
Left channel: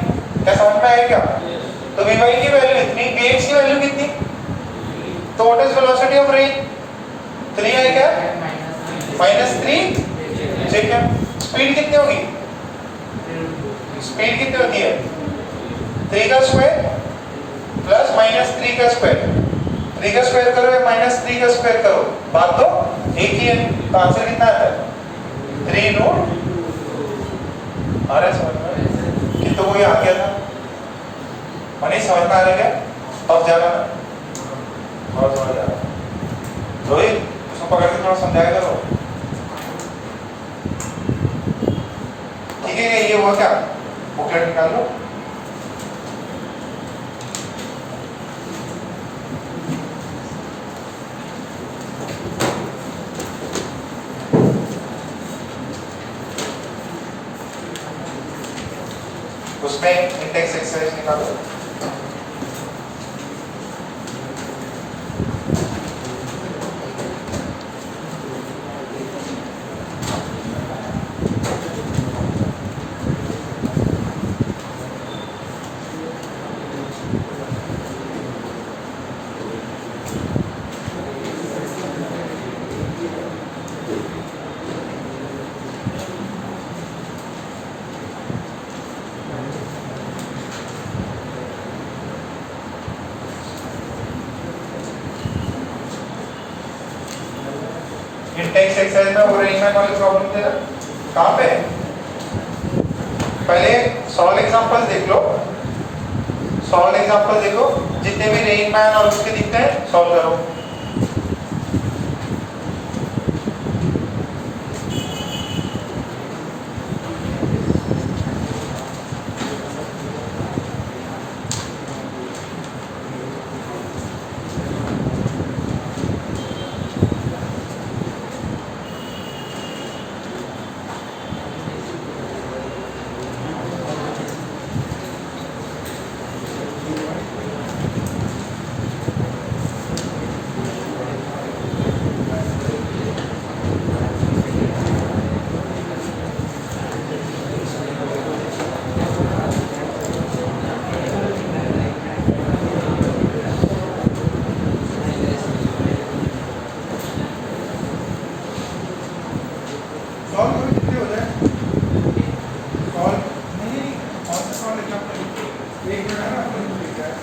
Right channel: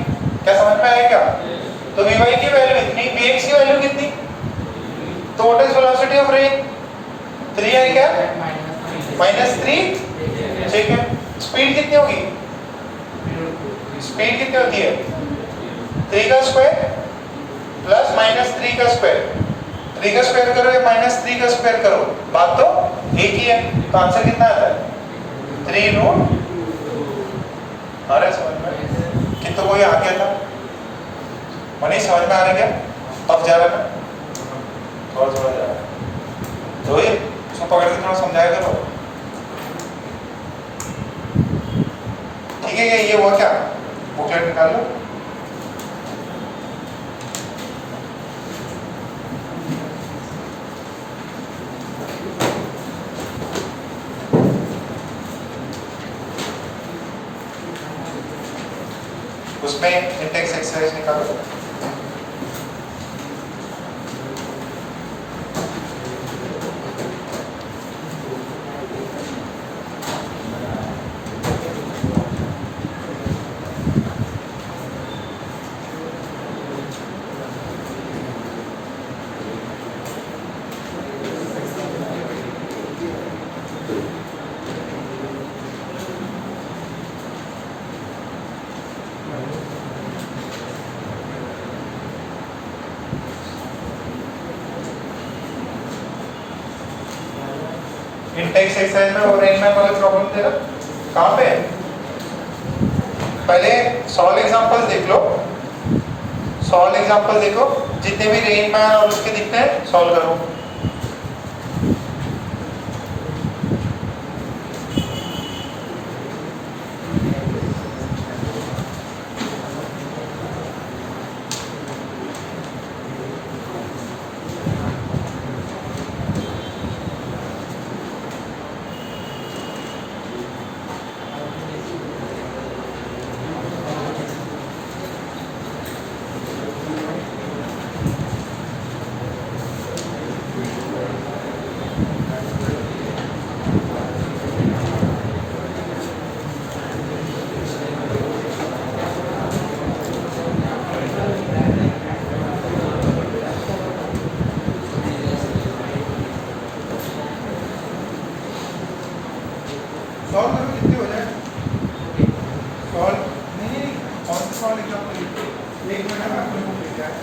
क्या समझ में आया क्या? तो Vy की वैल्यू इतनी, Vx की वैल्यू कितनी? तो what is velocity of rain? 3 i cap minus 3 j cap. Speed कितनी होगी? स्पीड कितनी होती है? 3 का स्क्वायर प्लस -3 का स्क्वायर। 3 का स्क्वायर करो या -3 का स्क्वायर करो, बात तो एक ही है। तो आंसर कितना आता है? 3 रूट। अरे समझ में कि तो वो आ गया था, मनीष समझ में आ रहा क्या? अब जा रहा है और थोड़ा जा रहा है, रोहित उसको पकड़ के थोड़ा समझाया करो, ठीक है? ये हुआ क्या? बुकलेट निकाल लो। उसमें इंडेक्स एक्सरसाइज निकालो। इंटेक्स एक्सरसाइज में वो रेंज में कोई प्रॉब्लम दे रहा कहाँ पे? पहले सॉल्व एग्जांपल देख लो, सॉल्व एग्जांपल देखो, जितने भी रेन मैन और उसके दिखते हैं सॉल्व करो। सॉल्व करो कितने हो जाए? सॉल्व नहीं, कौन सा सॉल्व एग्जांपल? एक मिनट आपको लिख रहा है।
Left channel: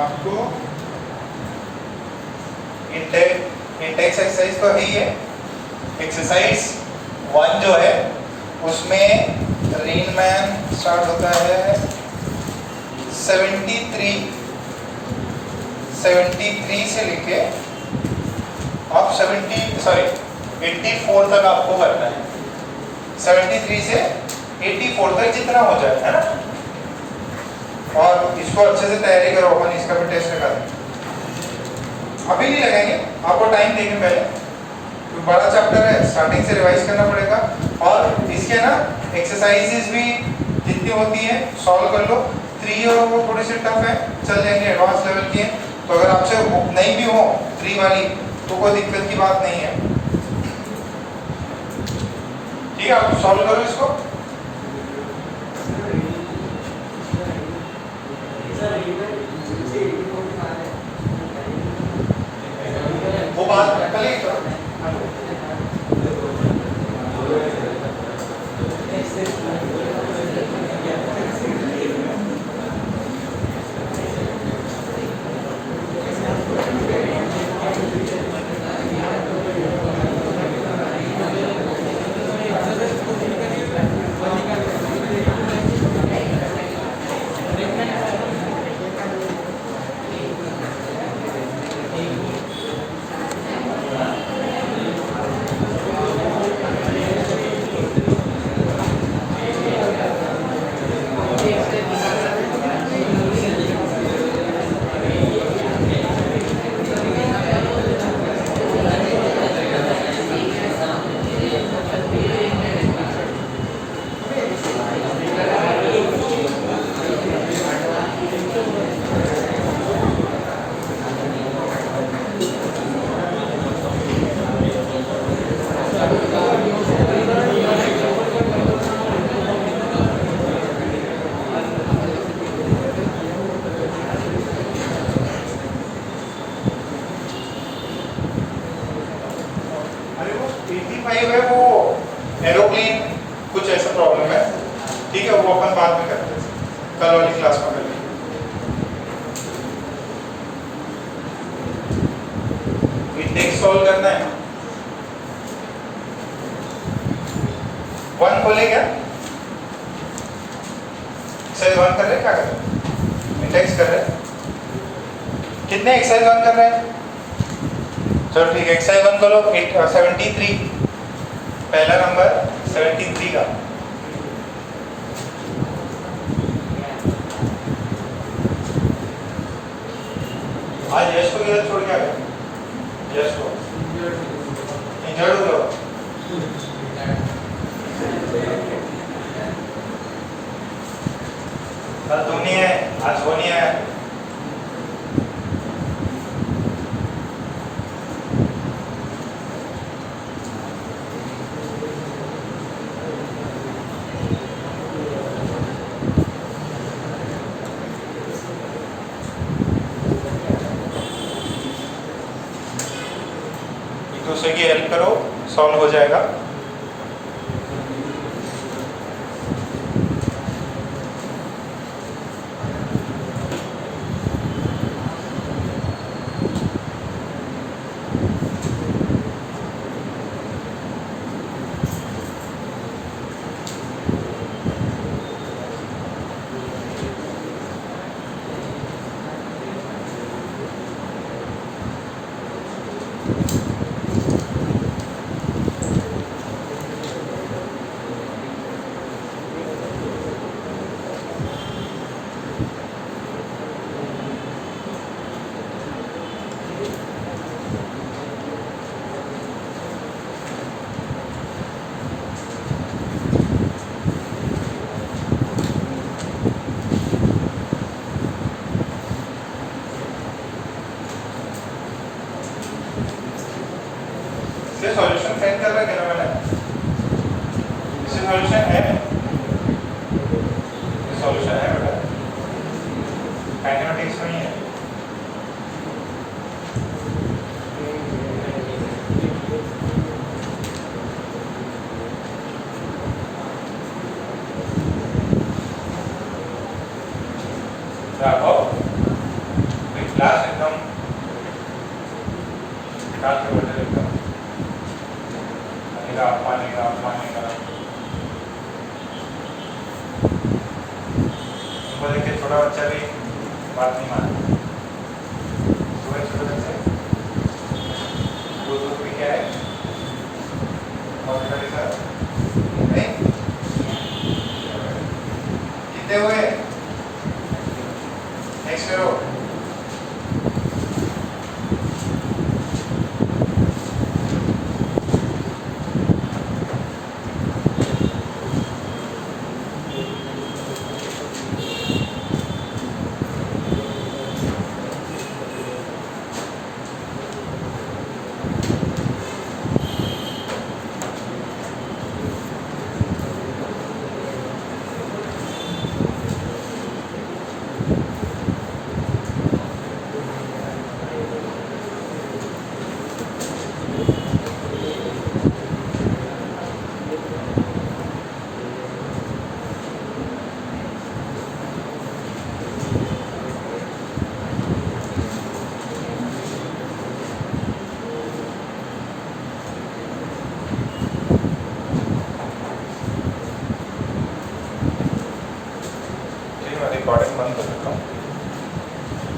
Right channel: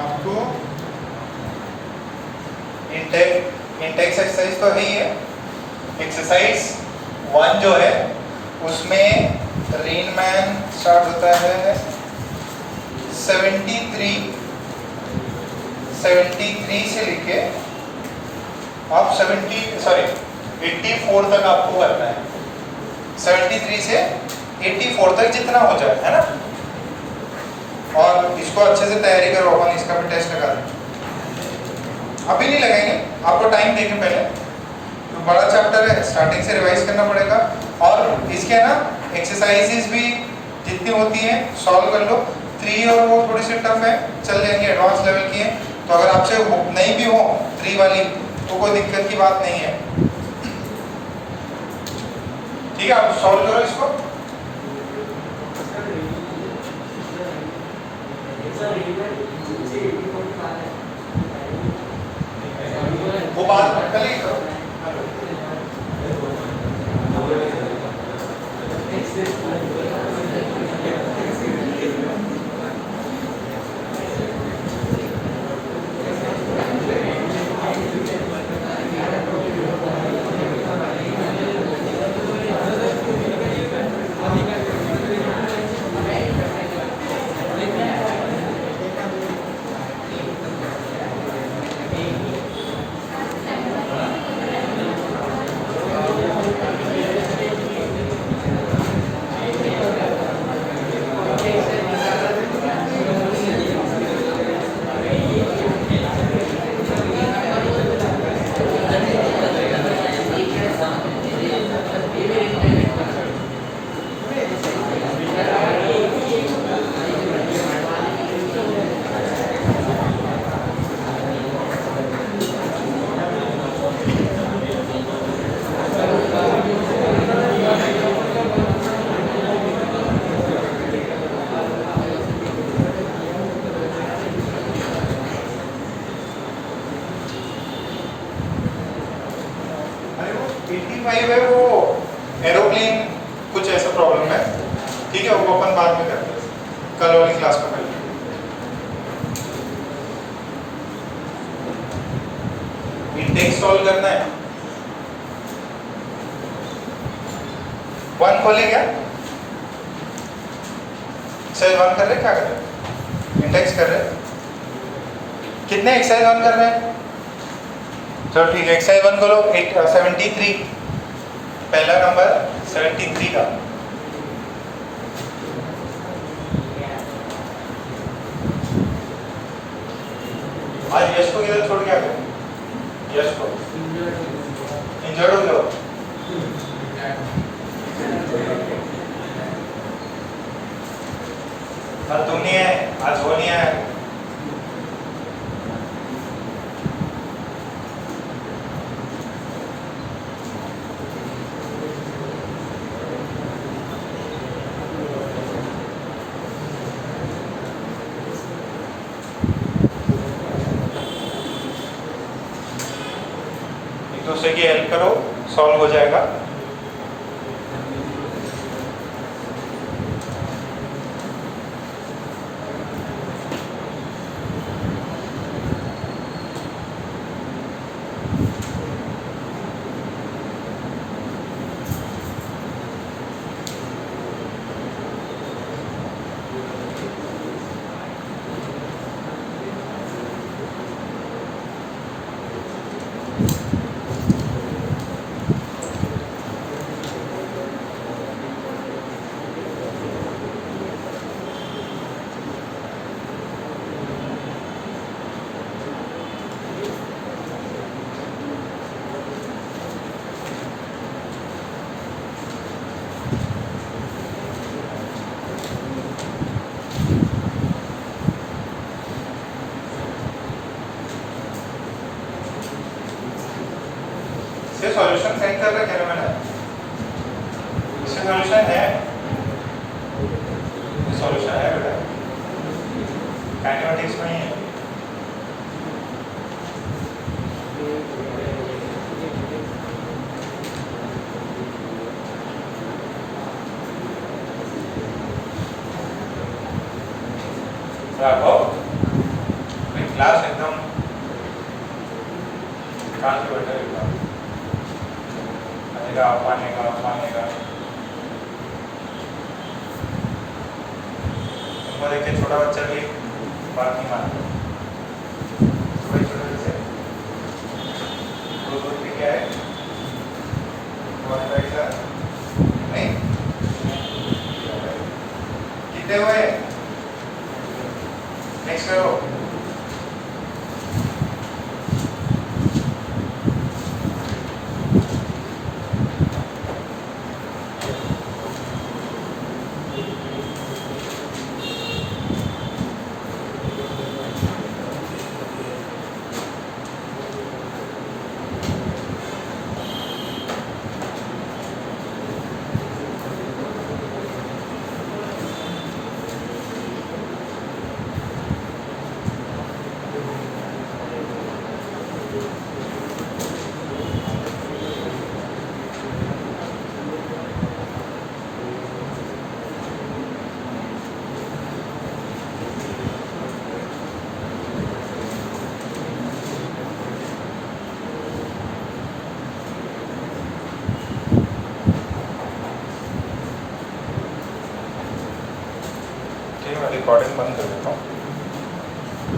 आपको इंटेक्स एक्सरसाइज तो है ही है। एक्सरसाइज 1 जो है उसमें रेन मैन स्टार्ट होता है 73 से लेके आप 84 तक आपको करना है। 73 से 84 तक जितना हो जाए, है ना। और इसको अच्छे से तैयारी करो, अपन इसका भी टेस्ट लगा देंगे। अभी नहीं लगाएंगे, आपको टाइम देंगे पहले, तो बड़ा चैप्टर है, स्टार्टिंग से रिवाइज करना पड़ेगा। और इसके ना एक्सरसाइजेस भी जितनी होती है सॉल्व कर लो। 3 और वो थोड़ी सी टफ है, चल जाएंगे, एडवांस लेवल की है। तो अगर आपसे नहीं भी हो 3 वाली तो कोई दिक्कत की बात नहीं है, ठीक है। आप सॉल्व करो इसको। वो बात कल ही है वो एरोप्लेन कुछ ऐसा प्रॉब्लम है, ठीक है। वो अपन बाद में करते हैं, कल वाली क्लास में करेंगे। इंडेक्स सॉल्व करना है। 1 खोले क्या? चल 1 कर रहे क्या कर रहे? इंडेक्स कर रहे हैं, कितने एक्सरसाइज 1 कर रहे हैं? चलो ठीक है, एक्सरसाइज 1 करो 73, पहला नंबर 73 का। आज यश को किधर छोड़ के आ गए? यश को इंजर्ड हो गया। कल तू नहीं है, आज वो नहीं है। एक दूसरे की हेल्प करो, सॉल्व हो जाएगा। इसके सॉल्यूशन सेंड कर रहा है क्या मैंने? इसके सॉल्यूशन है, सॉल्यूशन है बेटा, काइनेमेटिक्स में ही है। क्लास एकदम शांत बैठे एकदम मानेगा उनको देख के छोटा बच्चा भी बात नहीं मानता। छोटे छोटे बच्चे दूर पे क्या है बहुत पैसा नहीं कितने हुए? नेक्स्ट करो। रिकॉर्डिंग बंद कर देता हूँ।